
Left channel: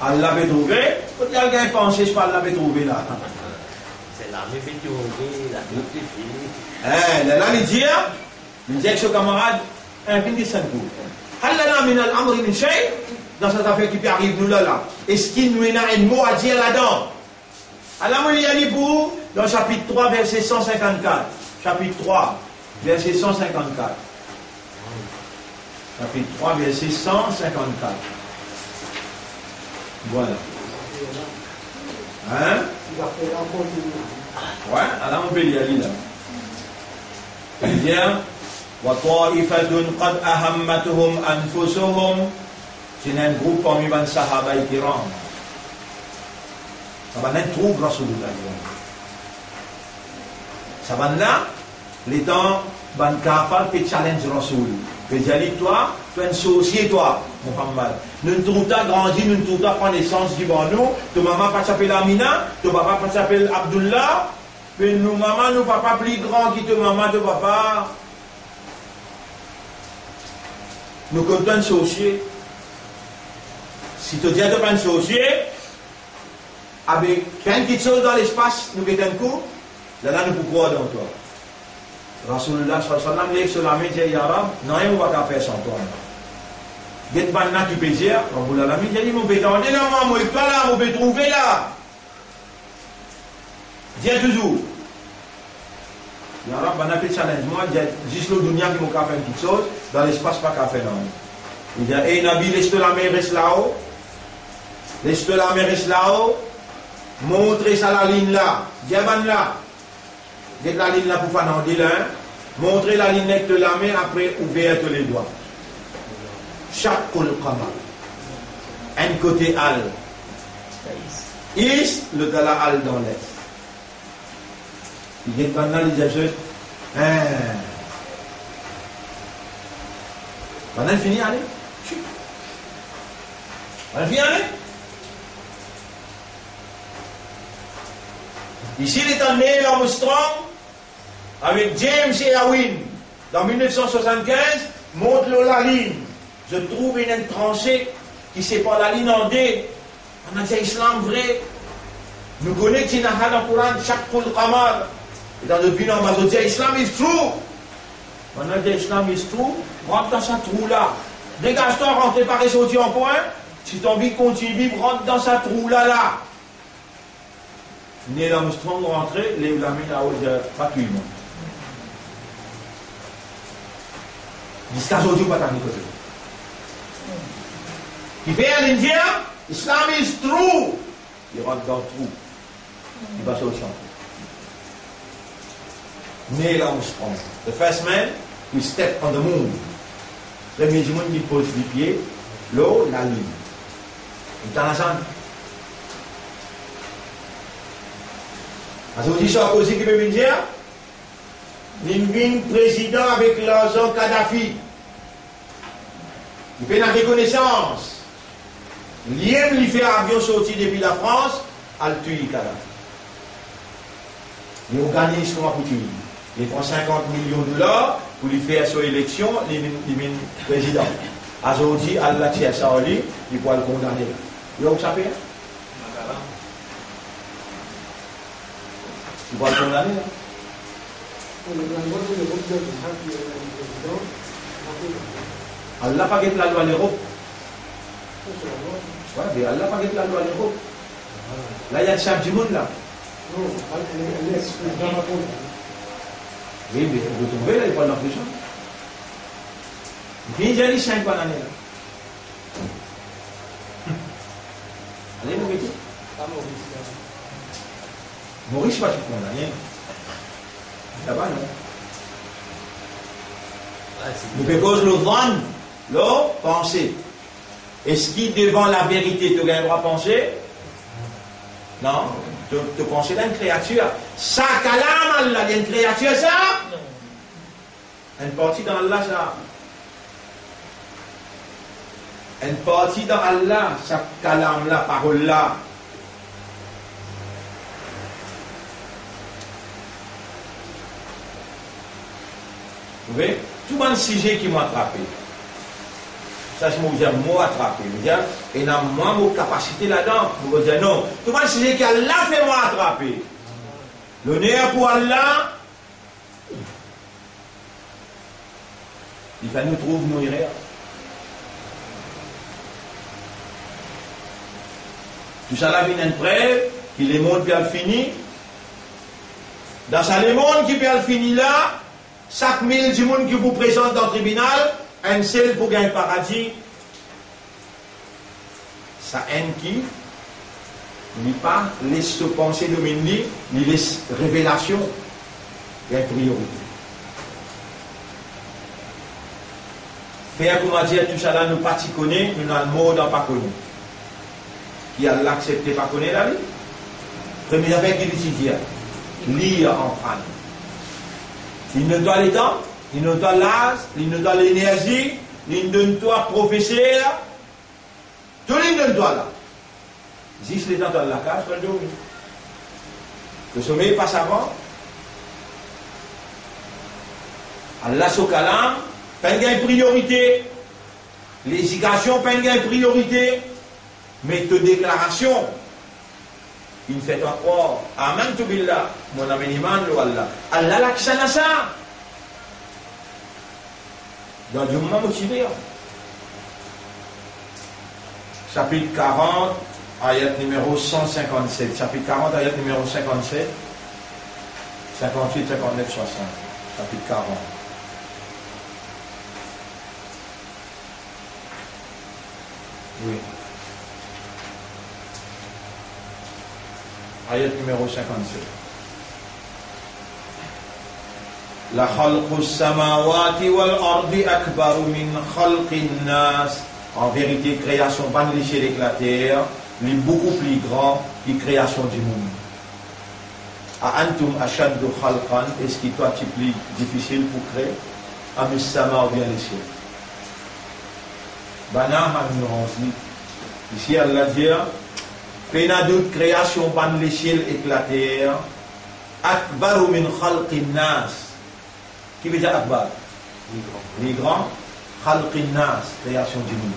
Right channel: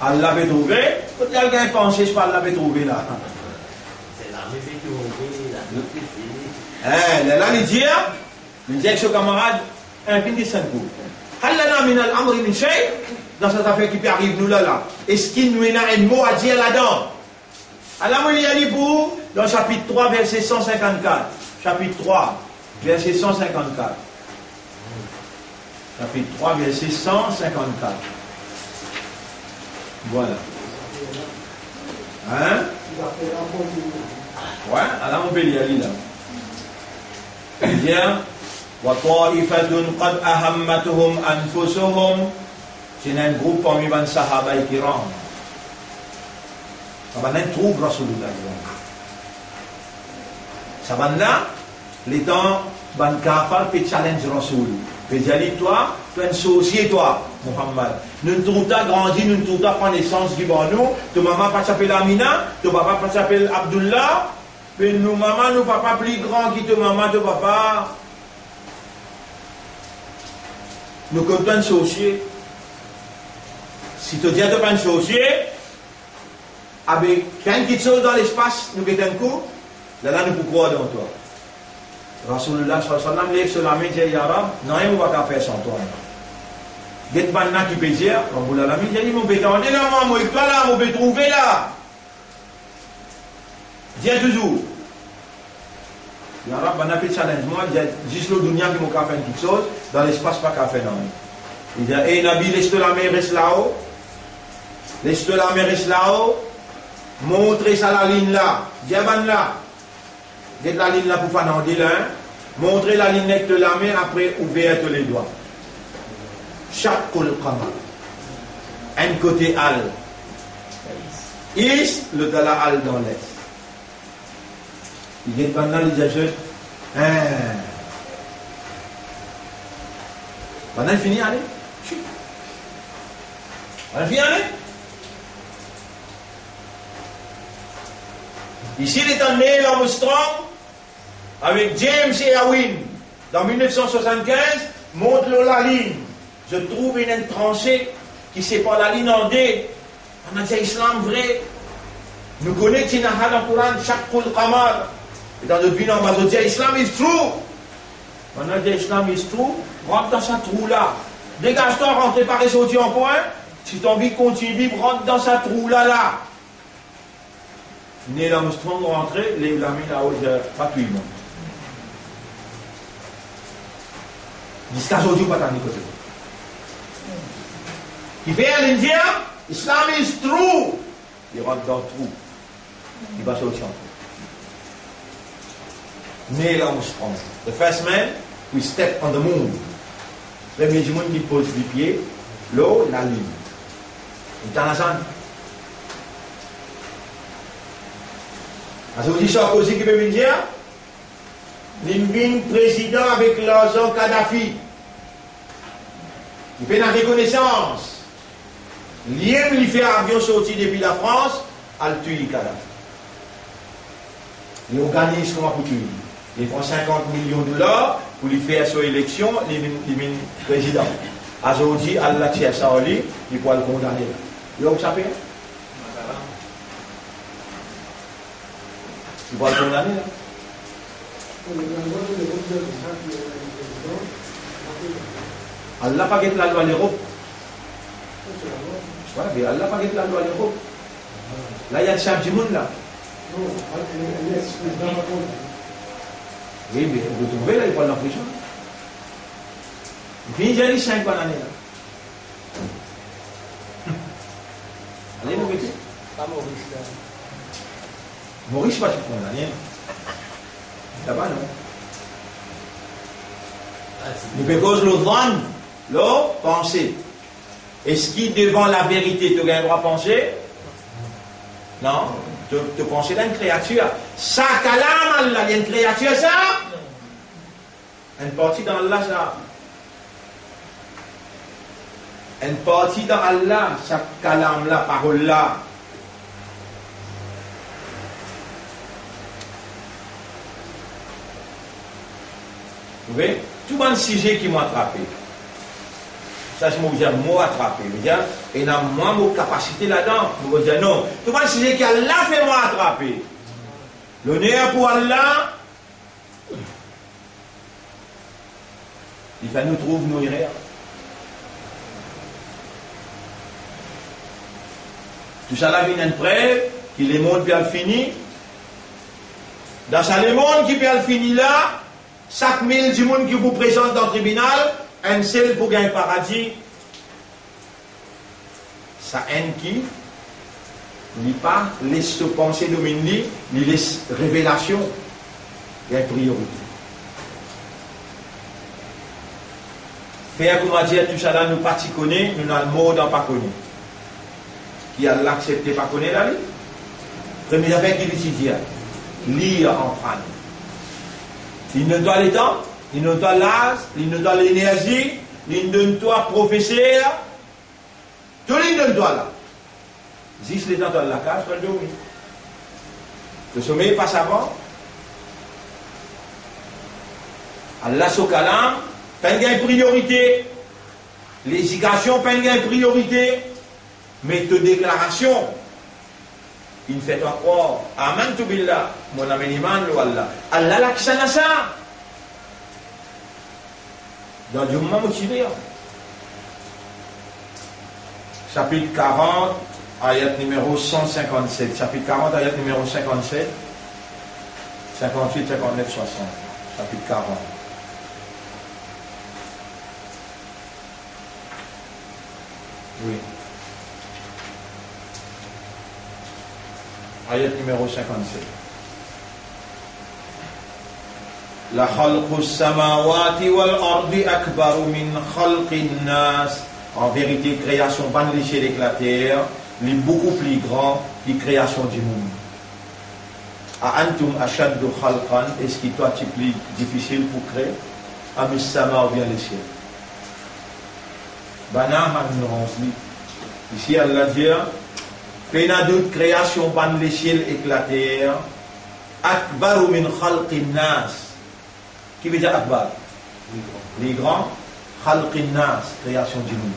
Allah l'avait trouvé. Quand il y a quelqu'un pensé, je parle, l'avait trouvé là. C'est là, mais fait trouver, la là, il dit avec son camarade, un pin de 5 coups. Allah min al-amri min shay, dans cette affaire qui peut arriver nous là. Est-ce qu'il nous a un mot à dire là-dedans? Allah m'a dit pour, dans chapitre 3, verset 154. Chapitre 3, verset 154. Chapitre 3, verset 154. Voilà. Hein? Ouais, alors on peut lire là. Il dit, وَطَائِفَةٌ قَدْ أَهَمَّتُهُمْ أَنفُسُهُمْ. C'est un groupe parmi les Sahaba et Kiram. Ça va être trouble Rasulullah. Ça va là, les temps, ban kafar peut challenge Rasul. Peut dire, toi, tu es un sorcier, toi, Muhammad. Nous ne trouvons pas grandi, nous ne trouvons pas prendre naissance du bandou. Tu maman pas s'appelle Amina, tu papa pas s'appelle Abdullah. Mais nous, maman, nous papa plus grand que ton maman, ton papa. Nous comptons un sorcier. Si tu dis que tu es un sorcier, avec quelque chose dans l'espace, nous mettons un coup, là, nous pouvons croire dans toi. Rasulullah sallam lève sur la main et dit, Ya Rab, non, on ne va pas faire sans toi. Get maintenant qui peut dire, Rabbul Alamin, il dit, mon pétan, on est là, moi, il pas là, on peut trouver là. Dis toujours. Ya Rab, on a fait challenge, moi, juste le dunya qui m'a fait une petite chose, dans l'espace, pas qu'à faire non. Il dit, hey Nabi, laisse-toi la main, reste là-haut. Laisse-toi la main, reste là-haut. Montrez ça la ligne là. Dis là. Dites la ligne là pour faire un là. Montrez la ligne avec la main, après ouvrez les doigts. Chaque qamar. Un côté al. Is, le gala al dans l'est. Il dit maintenant les ajoute. Maintenant il finit allez. Maintenant il finit allez. Ici, il est en Neil Armstrong avec James et Irwin. Dans 1975, montre la ligne. Je trouve une tranchée qui sépare la ligne en deux. On a dit Islam vrai. Nous connaissons dans le Coran chaque Qul Qamar. Et dans notre vie, on va dire Islam is true. On a dit Islam is true. Rentre dans ce trou-là. Dégage-toi, rentre par les autres en point. Si tu as envie de continuer de vivre, rentre dans ce trou-là. Neil Armstrong rentré, les mains là-haut, gratuitement. Jusqu'à aujourd'hui, pas tant de côté. Il fait à l'Indien, Islam is true. Il rentre dans le trou. Il va sortir en trou. Neil Armstrong, the first man who stepped on the moon. Le premier monde qui pose les pieds, l'eau, la lune. Intéressant. Aujourd'hui, Sarkozy qui peut me dire, il vient président avec l'argent Kadhafi. Il fait la reconnaissance. L'IM lui fait avion sorti depuis la France, al tuer Kadhafi. Il organise comment pour tuer. Il prend 50 millions de dollars pour lui faire son élection, il est président. Aujourd'hui, Allah tire ça en lui, il pourra le condamner. Il a où ça fait? Il pourra le condamner là. Allah n'a pas guetté la loi à l'Europe. Allah n'a pas guetté la loi à l'Europe. Là, il y a le chef du monde là. Oui, mais vous trouvez là, il va en prison. Il vient d'y 5 années là. Allez, nous mettez. Pas Maurice. Maurice, pas tu condamné. Là-bas, non. Nous faisons le vendre, le penser. Est-ce qu'il devant la vérité, tu as le droit de penser? Non. Tu penses à une créature. Ça, kalam Allah, il y a une créature, ça? Une partie dans Allah, ça. Une partie dans Allah, ça kalam la parole là. Vous voyez? Tout le sujet qui m'a attrapé. Ça, c'est moi attrapé. Et il y a moins de capacité là-dedans. Vous dire non. Tout le sujet qui a là fait moi attraper. L'honneur pour Allah. Il faut nous trouver nos erreurs. Tout ça là vient une preuve qui les mondes bien fini. Dans ça, les mondes qui bien fini là, chaque 1000 du monde qui vous présente dans le tribunal, un seul pour gagner paradis. Ça haine qui n'est pas laisse se penser dominer, il laisse révélation. Il y a une priorité. Faire comment dire tout ça là, nous pas connaître, nous avons le mot dans pas connu. Qui a l'accepté pas connaître la vie. Premier avec qui l'étudier, lire en prendre. Il ne doit les temps, il ne doit l'âge, il ne doit l'énergie, il ne doit professeur. Tout le monde doit là. Juste les temps dans la cage, pas le dormir. Le sommeil passe avant. Allah Sokalam, pas une priorité. L'éducation, pas une priorité. Mais de déclaration, il fait encore Amantu billah, mon ami iman lo Allah. Allah l'accent ça. Dans du moment motivé. Chapitre 40, ayat numéro 157. Chapitre 40, ayat numéro 57, 58, 59, 60. Chapitre 40. Oui. Ayat numéro 57. La khalqus samawati wal ardi akbaru min khalqin nas. En vérité, création pas de l'échelle de la terre, est beaucoup plus grand que la création du monde. A antum ashaddu khalqan, est-ce qu'il toi c'est plus difficile pour créer? Amis sama ou bien l'échelle. Banam ignorance. Ici Allah dit qu'il y a d'autres créations pas de l'échelle et la terre. Akbaru min khalqin nas. Qui veut dire akbar? Les grands. Khalqin nas, création du monde.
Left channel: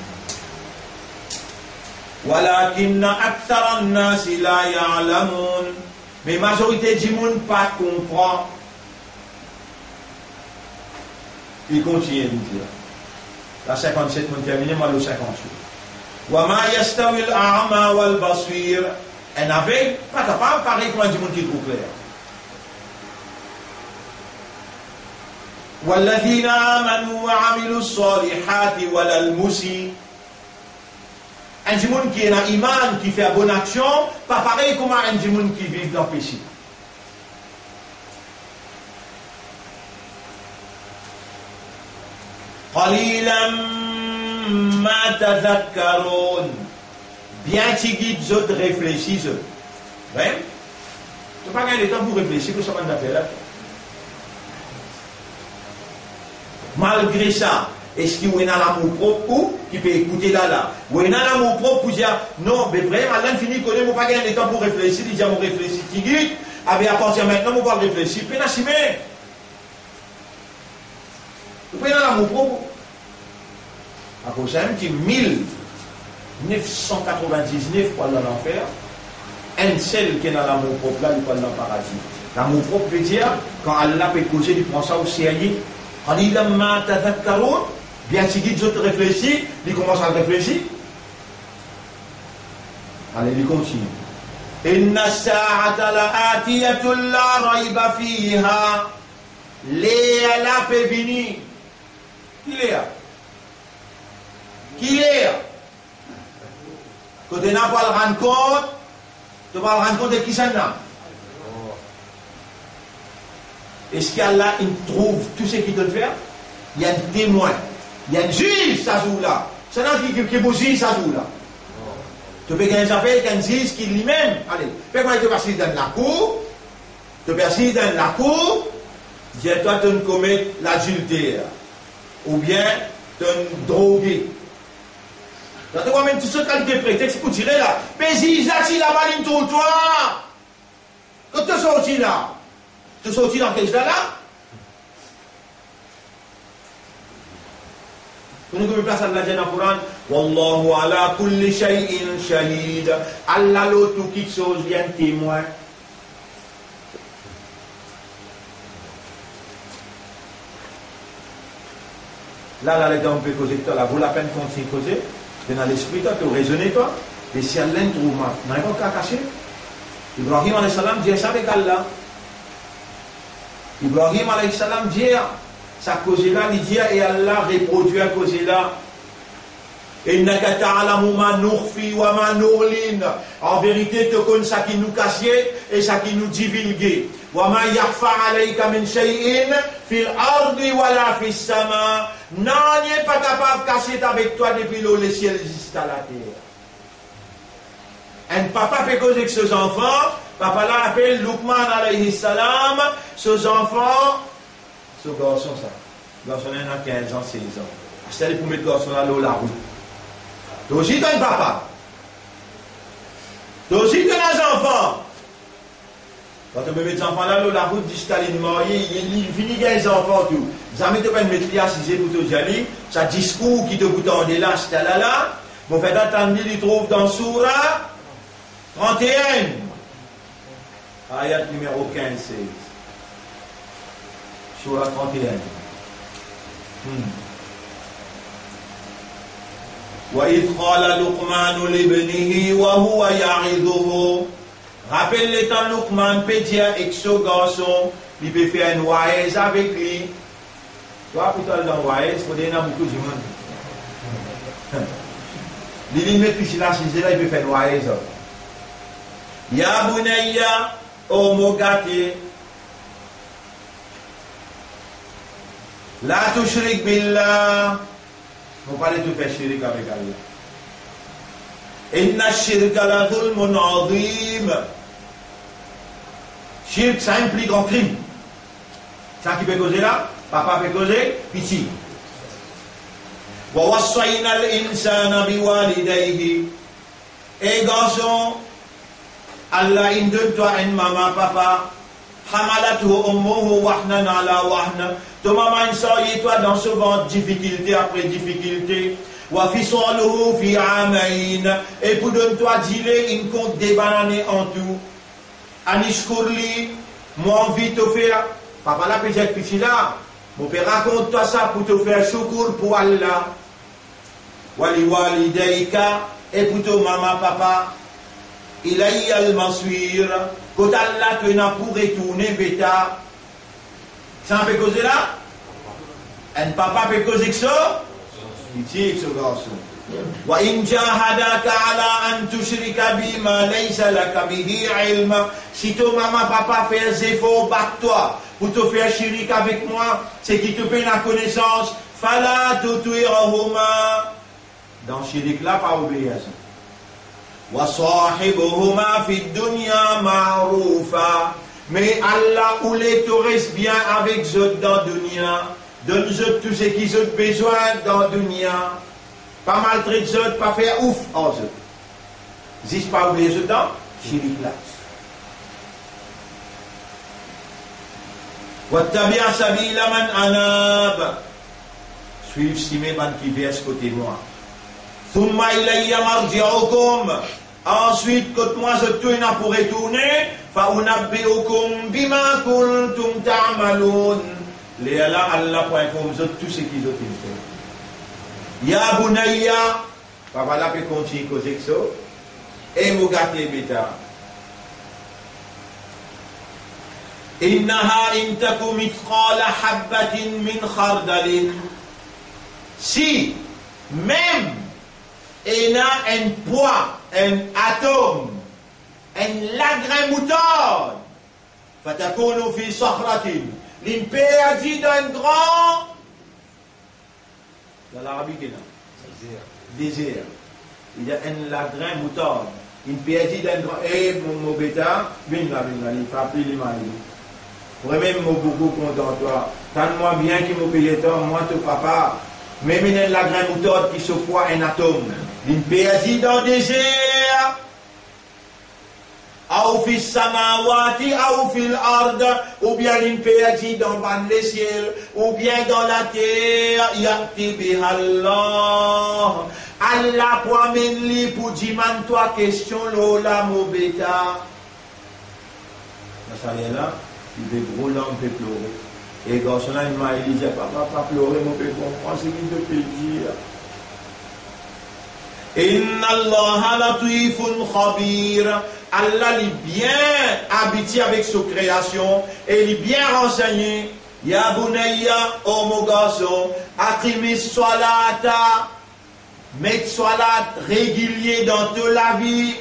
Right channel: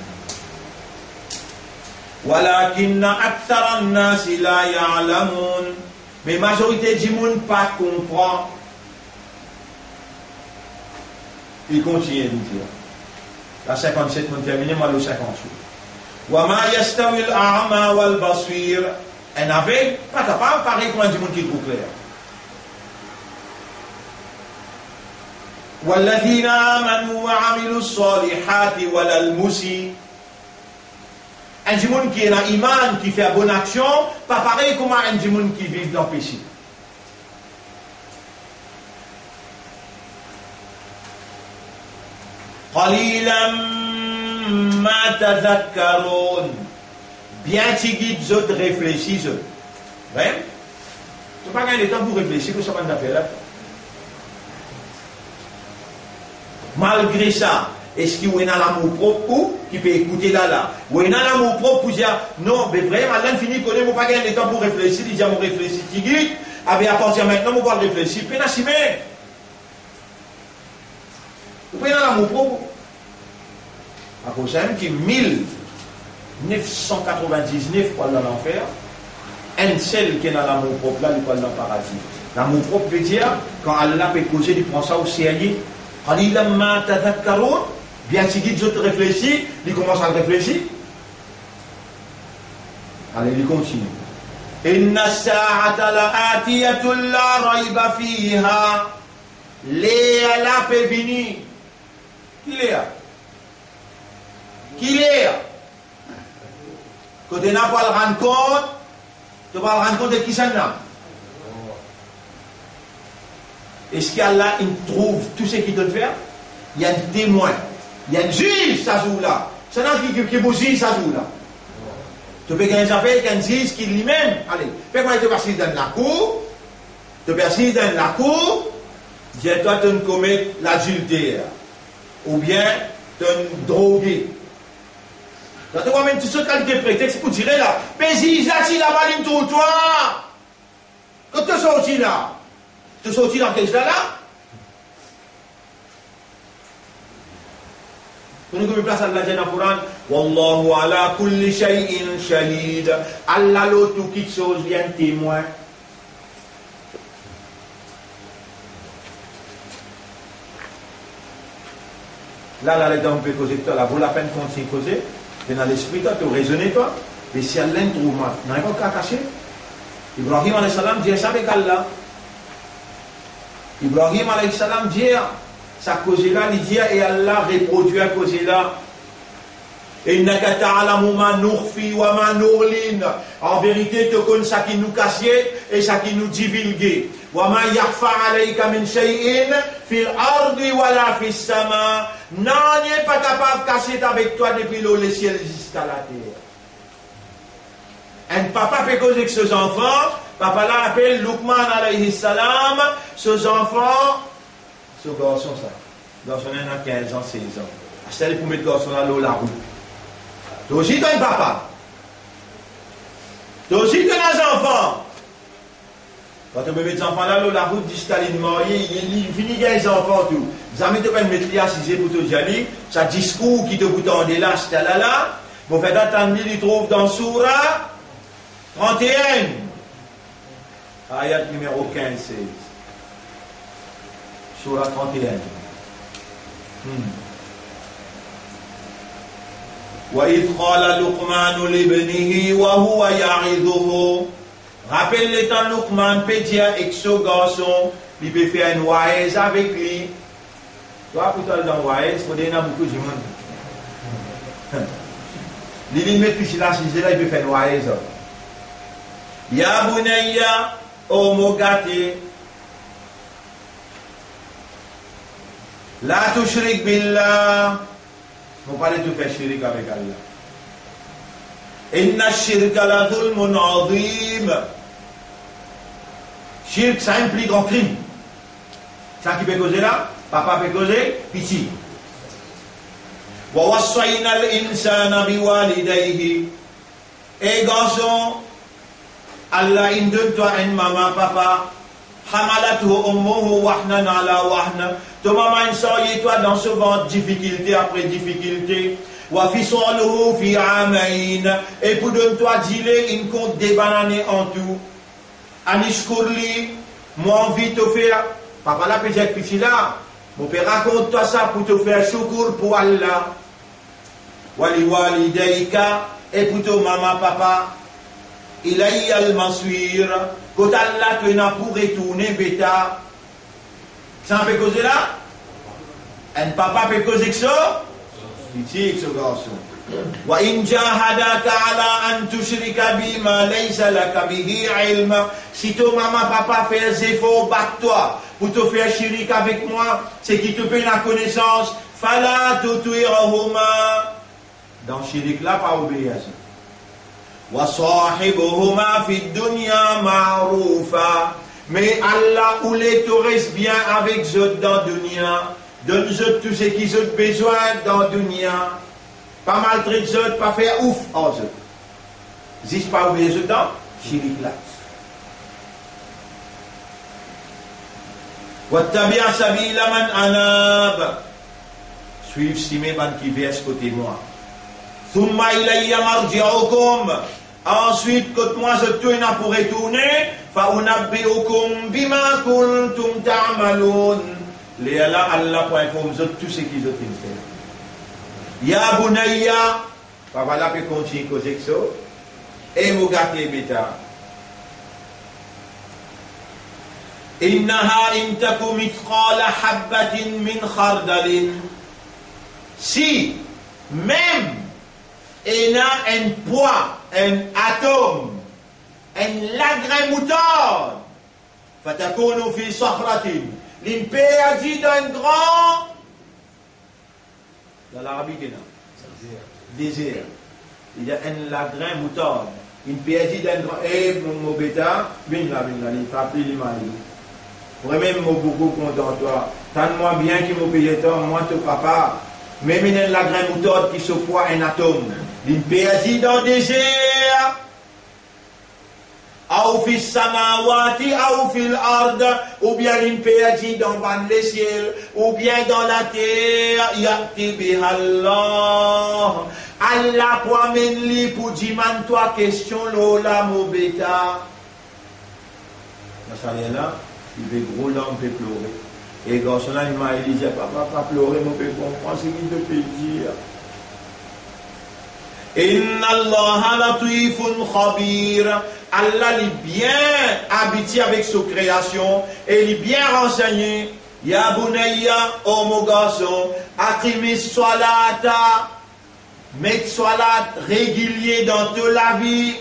Walakinna aktharan nas la ya'lamun. Mais majorité du monde pas comprend. Il continue de dire. La 57 mon terminé, moi le 58. Wa ma yastawi al-a'ma wal basir. Un aveugle pas capable pareil comme du monde qui trouve clair. والذين آمنوا وعملوا الصالحات ولا المسيء. Un monde qui est dans l'iman, qui fait bonne action, pas pareil comme un monde qui vit dans le péché. قليلا ما تذكرون. Bien tigit zot réfléchis zot. Ben, tu pas gagner le temps pour réfléchir que ça va nous faire là. Malgré ça, Est-ce qu'il y a l'amour propre ou qui peut écouter là? Ou il y a l'amour propre pour dire non, mais vraiment, là, il finit qu'on n'a pas gagné le temps pour réfléchir. Il dit, on réfléchit, tigui. À partir de maintenant, on va réfléchir. Puis, on a vous prenez l'amour propre. À cause de ça, qui 1999 pour aller dans l'enfer, un seul qui est dans l'amour propre là, il peut aller dans le paradis. L'amour propre veut dire, quand Allah peut causer, il prend ça au sérieux. Quand il a bien si il réfléchit, il commence à réfléchir. Allez, il continue. Inna sa'ata la'atiyatul la rayba fiha. Léa la peut venir. Qui Léa? Qui Léa? Quand tu n'as pas le rendre compte, tu vas le rendre compte de qui ça n'a. Est-ce qu'Allah il trouve tout ce qu'il doit faire? Il y a un témoin, il y a un juge, ça joue là. C'est là qui est beau juge, ça joue là. Tu peux gagner des affaires avec un juge qui lui-même. Allez, fais quoi, tu passes dans la cour, tu passes dans la cour, dis-toi, tu commets l'adultère, ou bien tu drogué. Tu vois même toutes sortes de qualités prétextes pour tirer là. Mais si là, si la balle tourne toi, quand tu es sorti là, tu es sorti dans quel là? Pour nous, comme place Allah dans le Coran, Wallahu ala kulli shay'in shahid. Allah l'autre quelque chose vient témoin. Là, on peut causer toi, là, vaut la peine qu'on s'y causer. Dans l'esprit, toi, tu raisonnes, toi. Et si Allah trouve mal, il n'y a pas qu'à cacher. Ibrahim alayhi salam dit ça avec Allah. Ibrahim alayhi salam dit sa cause là, il dit et Allah reproduit la cause là. Innaka ta'lamu ma nukhfi wa ma nu'lin. En vérité, tu connais ça qui nous cachait et ça qui nous divulguait. Wa ma yakhfa alayka min shay'in fil ardi wa la fis sama. Non, il n'est pas capable de cacher avec toi depuis le ciel jusqu'à la terre. Un papa fait causer avec ses enfants. Papa là appelle Luqman alayhi salam. Ses enfants, ce garçon ça. Garçon a 15 ans, 16 ans. C'est pour mettre garçon là la route. Toi aussi, tu as un papa. Toi aussi, tu as des enfants. Quand tu mets des enfants là, la route jusqu'à l'île, il finit des enfants tout. Jamais tu peux mettre les assisés pour te dire, ça discours qui te bouton de là, c'est là. Bon, fait attendre, il trouve dans Soura 31. Ayat numéro 15-16. Soura 31. وَإِذْ قَالَ لُقْمَانُ لِابْنِهِ وَهُوَ يَعِظُهُ. Rappelle le temps Luqman peut dire avec ce garçon, il peut faire une waïz avec lui. Toi, pour toi, dans waïz, il faut donner beaucoup de monde. Il met plus là, il peut faire une waïz. Ya bunayya, o mogati, la tushrik billah. On va parler de faire chirik avec Allah. Inna shirka la dhulmun azim. Shirk, ça implique un crime. Ça qui peut causer là, papa peut causer, pitié. Wa wassayna al-insana biwalidayhi. Et garçon, Allah il donne toi une maman, papa. Hamalathu ummuhu wahnan ala wahna. Ton maman il toi dans ce ventre, difficulté après difficulté. Wa fisaluhu fi amain. Et pour donner toi dîler une compte des bananes en tout. Anishkurli, moi envie de te faire. Papa là peut dire petit là. Mon père raconte toi ça pour te faire shukr pour Allah. Wali walidayka. Et pour ton maman, papa. Ilayya al-maswir. Quand Allah te n'a pour retourner, bêta. Ça peut causer là? Un papa peut causer que ça? Pitié, ce garçon. Wa in jahadaka ala an tushrika bima laysa laka bihi ilm. Si ton maman, papa fait des efforts, bat-toi pour te faire chirik avec moi, c'est qui te fait la connaissance. Fala tuti'huma. Dans chirik là, pas obéir à ça. وَصَاحِبُهُمَا فِي الدُّنْيَا مَعْرُوفًا. Mais Allah ou les te reste bien avec eux dans dunya. donne-eux tout ce qu'ils ont besoin dans le dunya. Pas maltraiter eux, pas faire ouf en eux. Zis pas oublier eux dans chirik là. Wattabi' sabila man anab. Suivre si mes bandes qui versent côté moi. Thumma ilayya marji'ukum. Ensuite, quand moi je tourne pour retourner, fa unabbi'ukum bima kuntum ta'malun. Les Allah pour informer tout ce qu'ils ont fait. Ya bunayya, papa là peut continuer causer ça. Et mon gâté bêta. Innaha in taku mithqala habbatin min khardalin. Si même il y a un poids, un atome, un lagrin moutarde, fatakunu fi sakhratin. L'impé a dit dans un grand, dans l'Arabie, désert. Il y a un lagrin moutarde. L'impé a dit dans un grand, eh mon bêta, il faut appeler l'imani. Pour même beaucoup content toi. Tente-moi bien qu'il m'a payé tant, moi ton papa. Même il y a un lagrin moutarde qui se poids un atome. L'impé a dit dans le désert. Ou fi samawati, ou fil ard, ou bien l'impé a dit dans les ciels, ou bien dans la terre, yati bihallah. Allah pour amener pour dire toi question lola mobeta. Ça vient là, il fait gros l'homme peut pleurer. Et quand son il m'a dit, papa, pas pleurer, mon peut comprendre ce qu'il te peut dire. Inna Allah latifun khabir. Allah est bien habité avec sa création et il est bien renseigné. Ya bunayya, oh mon garçon, aqimi salata, mettre salat régulier dans toute la vie.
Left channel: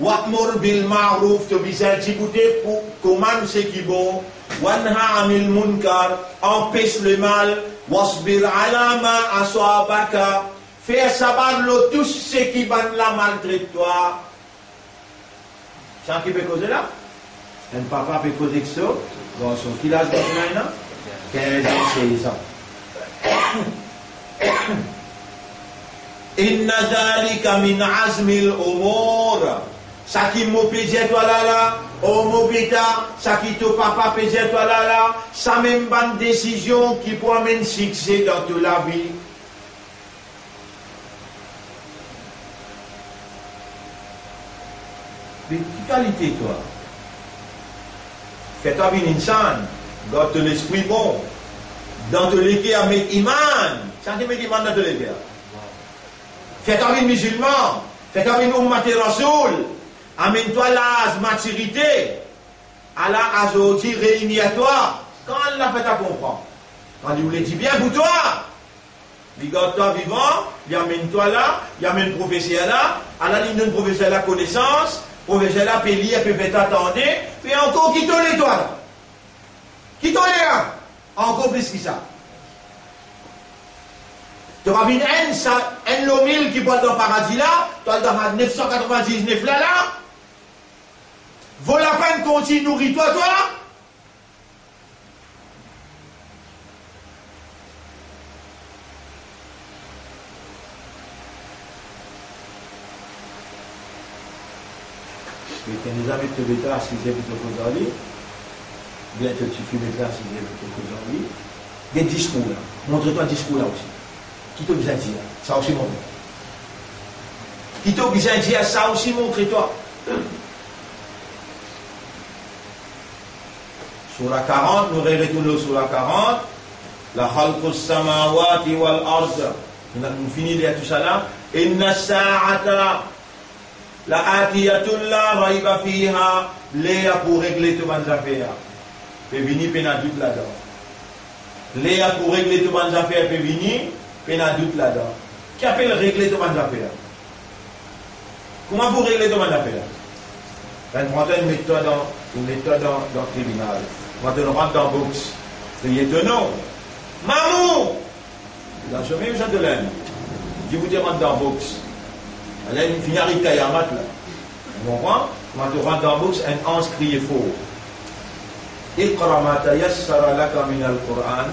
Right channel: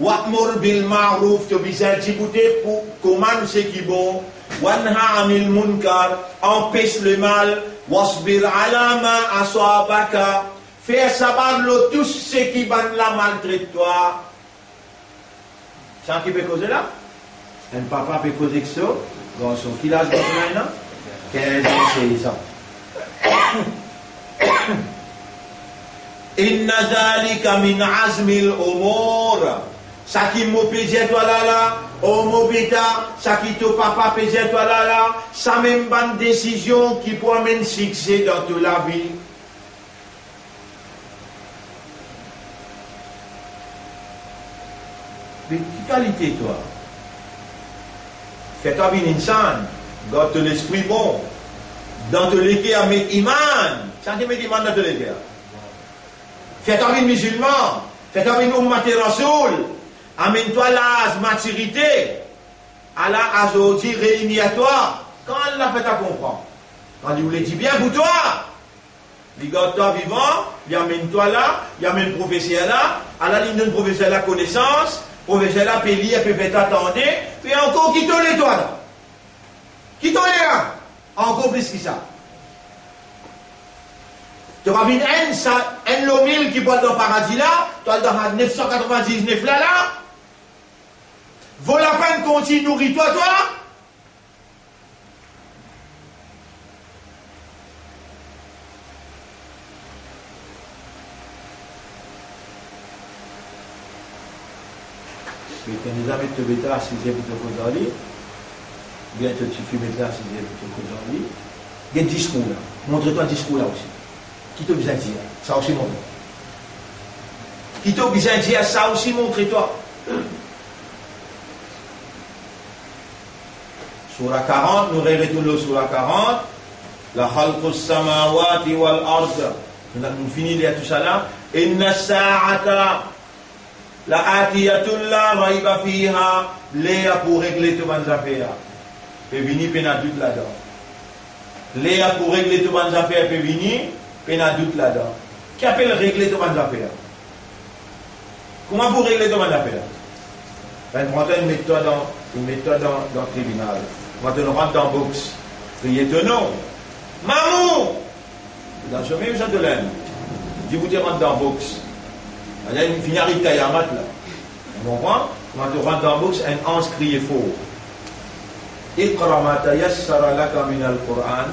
Wa'mur bil ma'ruf, te bizarre d'écouter pour commander ce qui est bon. Wanha anil munkar, empêche le mal. Wasbir ala ma aswabaka, faire savoir tout ce qui va la maltraite toi. Qui peut causer là? Un papa peut causer que ça. Dans son village maintenant, 15 ans, 16 ans. Inna zalika min azmil umur. Ça qui m'a payé toi là, oh mon bêta, ça qui ton papa payé toi là, ça même bonne décision qui peut amener succès dans toute la vie. Mais quelle qualité toi? Fais-toi bien insan, garde l'esprit bon, dans ton l'équé à mettre iman, ça qui met iman dans ton l'équé. Fais-toi bien musulman, fais-toi bien ummati rasoul, amène-toi la maturité, Allah a aujourd'hui réuni à toi, quand Allah fait ta comprendre, quand il vous le dit bien pour toi, il garde toi vivant, il amène-toi là, il amène le professeur là, Allah lui donne le professeur la connaissance, professeur là, peut lire, peut t'attendre, puis encore qui t'en est toi là. Qui t'en est là? Encore plus que ça. Tu vas venir un lomil qui boit dans le paradis là, tu vas dans 999 là, vaut la peine qu'on t'y nourrit toi là? Tu n'as jamais te mettre à 6 heures pour te causer. Bientôt tu fumes là à 6 heures pour te causer. Des discours là. Montre-toi un discours là aussi. Qui t'a besoin de dire? Ça aussi montre. Qui t'a besoin de dire? Ça aussi montre-toi. Sur la 40, nous retournons sur la 40. La khalqus samawati wal ard. Nous finissons tout ça là. Inna sa'ata. La atiyatun la raiba fiha, léa pour régler tout bonnes affaires. Peut venir, peut n'a doute là-dedans. Léa pour régler tout bonnes affaires, peut venir, peut n'a doute là-dedans. Qui appelle régler tout bonnes affaires? Comment pour régler tout bonnes affaires? Ben, prends une méthode dans le tribunal. Quand on rentre dans le box, c'est étonnant. Maman! Dans ce même genre de l'aine, je vous rentre dans le box. Il y a une finalité Kayamat là. Vous comprenez? Quand tu rentres dans le box, un ange crie fort. Iqra ma tayassara laka min al-Qur'an.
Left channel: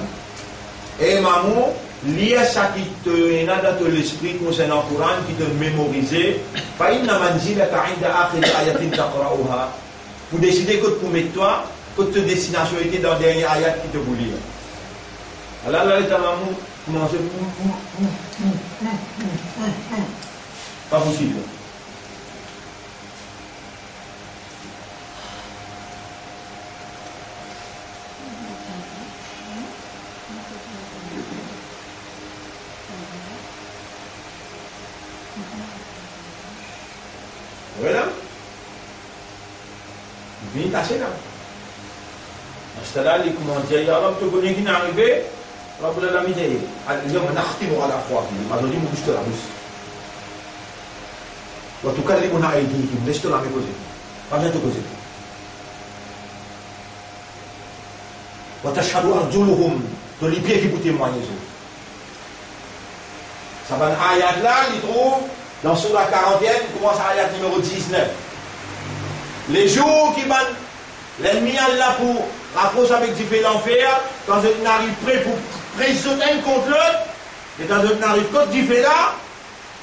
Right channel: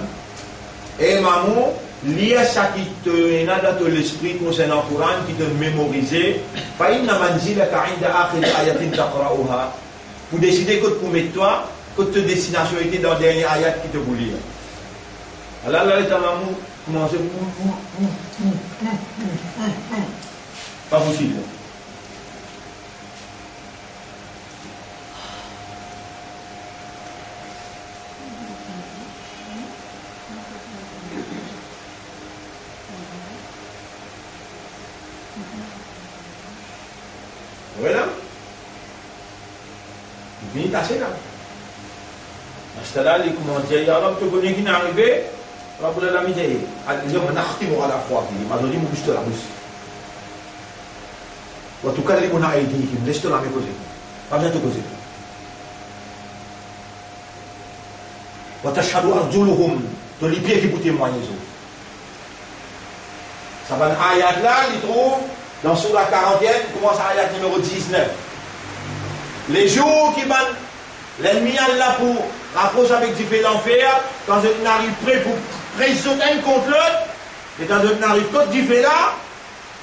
Et maman, lis ça qui te n'a dans l'esprit concernant le Coran, qui te mémorise. Pour décider que pour mettre toi, que ta destination était dans le dernier ayat qui te voulait. Alors là, ta maman commence pas possible. Voilà. Il vient tasser là. À ce là, il commence à dire, ya Rab, tu connais qui n'est arrivé? Rab la misère. Il dit, on a acheté à la fois. Il m'a dit, mon bouche de la bouche. En tout cas, on a aidé, il me laisse la causer. Pas besoin de causer. وتشهد أرجلهم de les pieds qui vous témoignent. Ça va dans ayat là, il trouve dans Surah 40e, commence à ayat numéro 19. Les jours qui van l'ennemi Allah pour rapprocher avec du fait l'enfer, quand on arrive prêt pour présenter contre l'autre, et quand on arrive contre du fait là,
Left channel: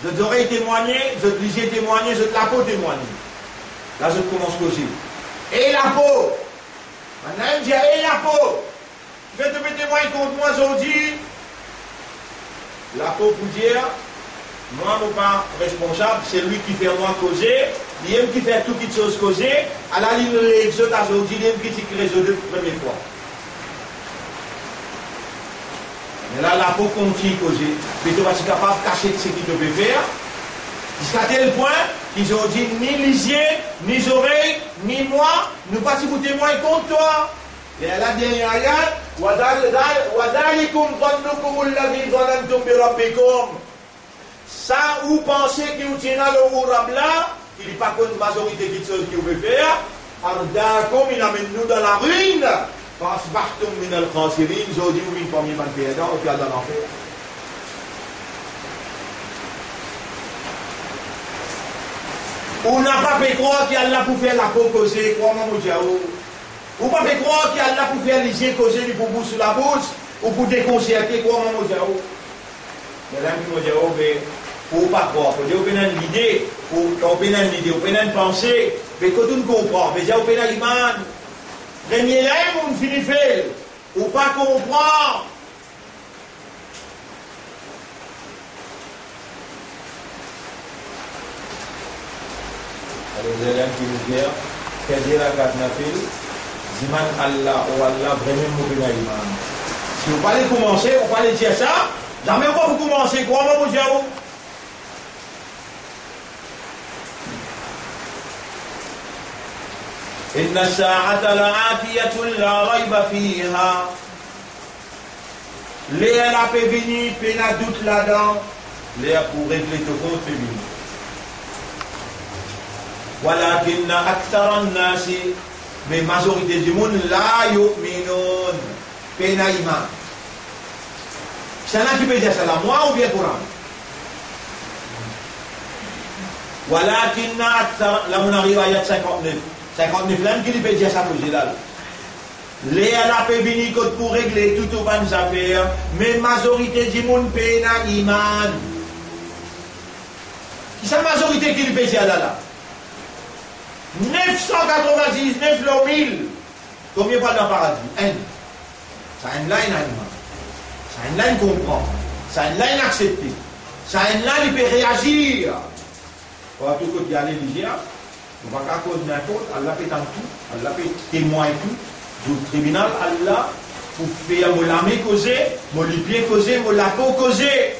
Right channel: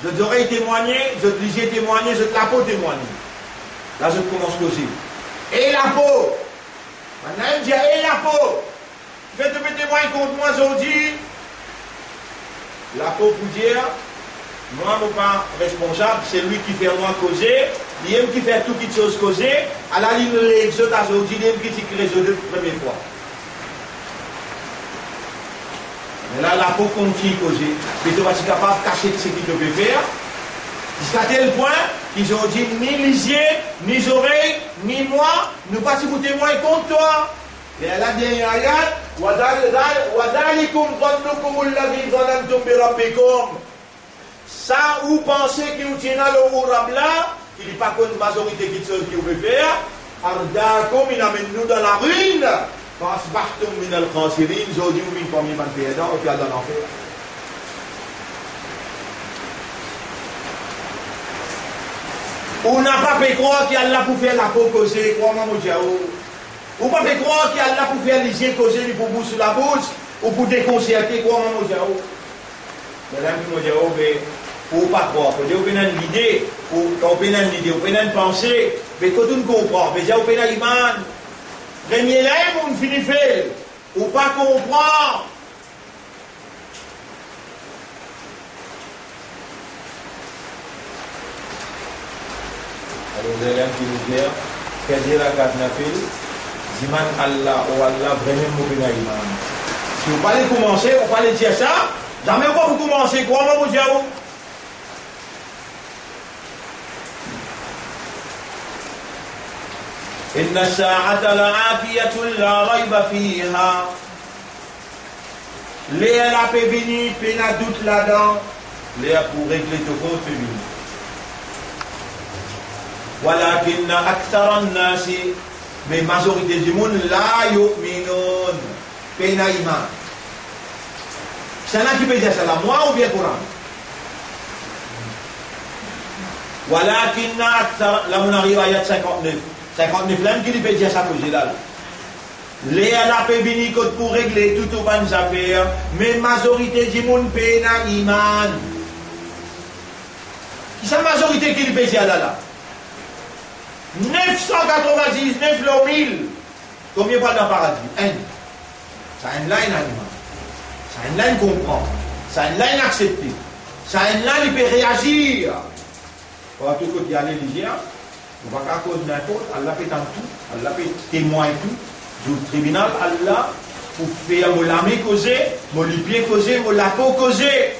je t'aurais témoigné, je te lisais témoigner, je te la peau témoigner. Là, je commence aussi. Et la peau. Maintenant, il me dit, et la peau. Je vais te mettre témoin contre moi aujourd'hui. La peau pour dire, moi, je ne suis pas responsable, c'est lui qui fait moi causer, il aime qui fait tout qui chose causer, à la ligne de l'exode aujourd'hui, il aime qui résoudre la première fois. Mais là, la peau continue causer. Mais tu vas être capable de cacher ce qu'il te peut faire. Jusqu'à tel point qu'ils ont dit ni lisier, ni oreilles, ni moi, nous pas si vous témoignez contre toi. Et à la dernière ayat, وَذَلِكُمْ ظَنُّكُمُ الَّذِي ظَنَنْتُمْ بِرَبِّكُمْ. Ça, vous pensez qu'il vous tient là, le Rabla, qu'il n'est pas une majorité qui vous peut faire, Ardakum, il amène nous dans la ruine. فَأَصْبَحْتُمْ مِنَ الْخَاسِرِينَ. Aujourd'hui, vous m'avez premier man perdant, et puis à dans l'enfer. On n'a pas pu croire qu'il y a là pour faire la peau causer, crois-moi, mon Dieu. On n'a pas pu croire qu'il y a là pour faire les yeux causer, pour bouche sur la bouche, ou pour déconcerter, crois-moi, mon Dieu. Mais là, mon Dieu, il ne faut pas croire. Il faut dire, on a une idée, on a une pensée, mais quand on comprend, mais il y a une iman. Premier là, on finit fait, ou pas comprendre. Alors, les élèves qui nous disent, qu'est-ce que la garde n'a fait? Ziman Allah, ou Allah, vraiment mauvais iman. Si vous parlez commencer, vous parlez dire ça, jamais vous commencez, crois-moi, mon Dieu. إن الساعة لآتية لا ريب فيها. Léa la peut venir, puis n'a doute là-dedans. Léa pour régler tout compte peut venir. ولكن أكثر الناس, mais majorité du monde لا يؤمنون. Puis n'a iman. C'est là qui peut dire ça là, moi ou bien Coran? ولكن أكثر, là on arrive à ayat 59. 59 l'âme qui lui peut dire ça pour là. Léa la peut venir pour régler toutes les bonnes affaires, mais majorité du monde peut n'a iman. Qui c'est la majorité qui lui peut dire là? 999 le 1000. Combien parle dans le paradis? Un. Ça a une ligne animale. Ça a une ligne comprend. Ça a une ligne acceptée. Ça a une ligne il peut réagir. Pour tout côté aller dire. On va pas cause n'importe, Allah fait en tout, Allah fait témoin et tout. Du tribunal, Allah, pour faire mon lame causer, mon pied causer, mon lapeau causer.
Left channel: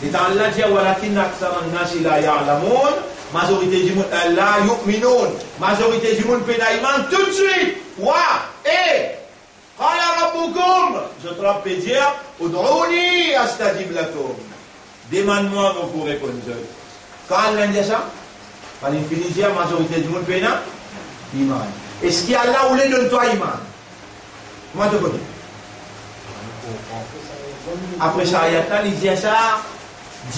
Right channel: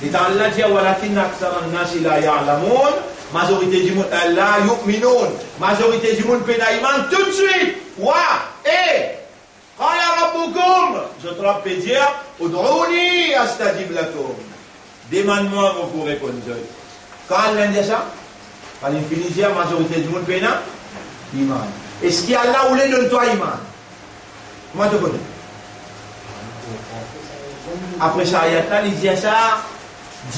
Et dans Allah dit, walakin aksara an-nasi la ya'lamun, majorité du monde, la yu'minun, majorité du monde pénaïman, tout de suite. Wa, qala rabbukum, je te peux dire, ud'ouni astajib lakum. Demande-moi, on vous répondre. Quand Allah dit ça, par l'infinité, la majorité du monde pénal, iman. Est-ce qu'il y a là où les donne-toi iman? Comment tu connais? Après ça, il dit ça,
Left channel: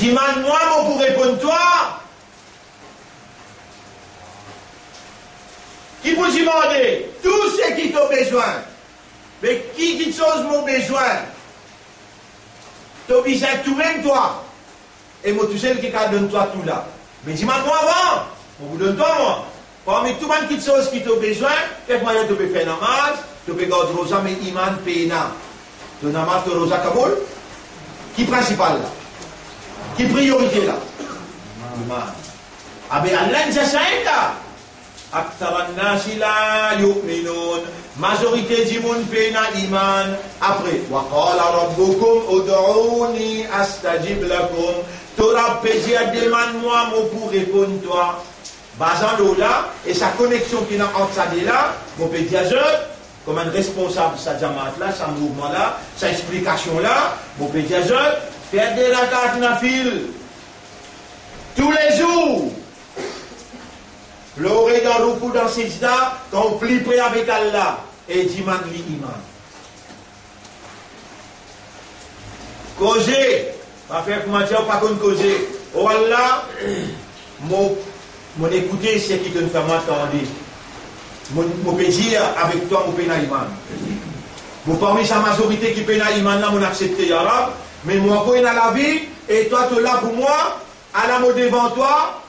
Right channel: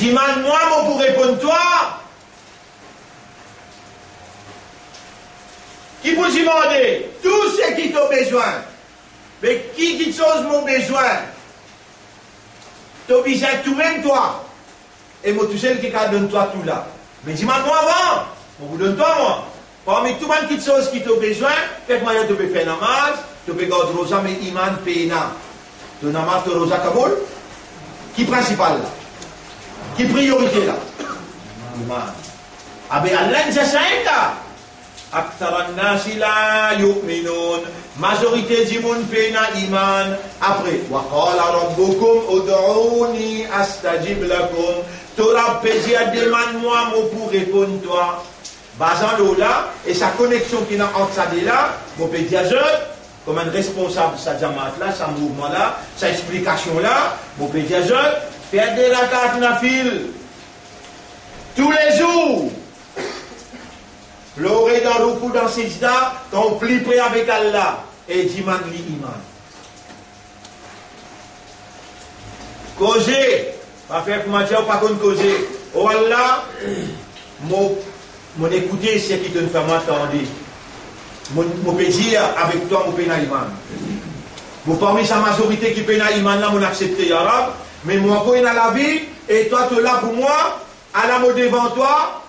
demande-moi, moi pour répondre toi. Qui vous demander tout ce qui t'a besoin. Mais qui chose mon besoin? Tu as besoin de tout même toi. Et moi, tout seul qui donne toi tout là. Mais dis-moi avant. On vous donne toi moi. Parmi tout le monde qui chose qui t'a besoin, fait-moi tu peux faire namaz, tu peux garder rosa, mais iman pena. Tu namaz, tu rosa kaboul. Qui principal là? Qui priorité là? Iman. Ah ben Allah nous a dit là. Aktaran nasi la yu'minun. Majorité du monde pena iman. Après, wa qala rabbukum ud'uni astajib lakum. Torah pédi à demande-moi, moi pour répondre toi. Basant l'eau là, et sa connexion qui est entre ça et là, mon pédi à comme un responsable de sa jamaat là, sa mouvement là, sa explication là, mon pédi à faire des rakat nafil. Tous les jours. L'oreille dans le coup dans ses dents, quand on plie près avec Allah, et dit man li iman. Causer, pas faire comment dire, pas qu'on causer. Oh Allah, mon écouter, c'est qui te fait m'entendre. Mon pédir avec toi, mon péna iman. Mon parmi sa majorité qui péna iman là, mon accepté arabe, mais moi, quand il a la vie, et toi, tu es là pour moi, à la mot devant toi,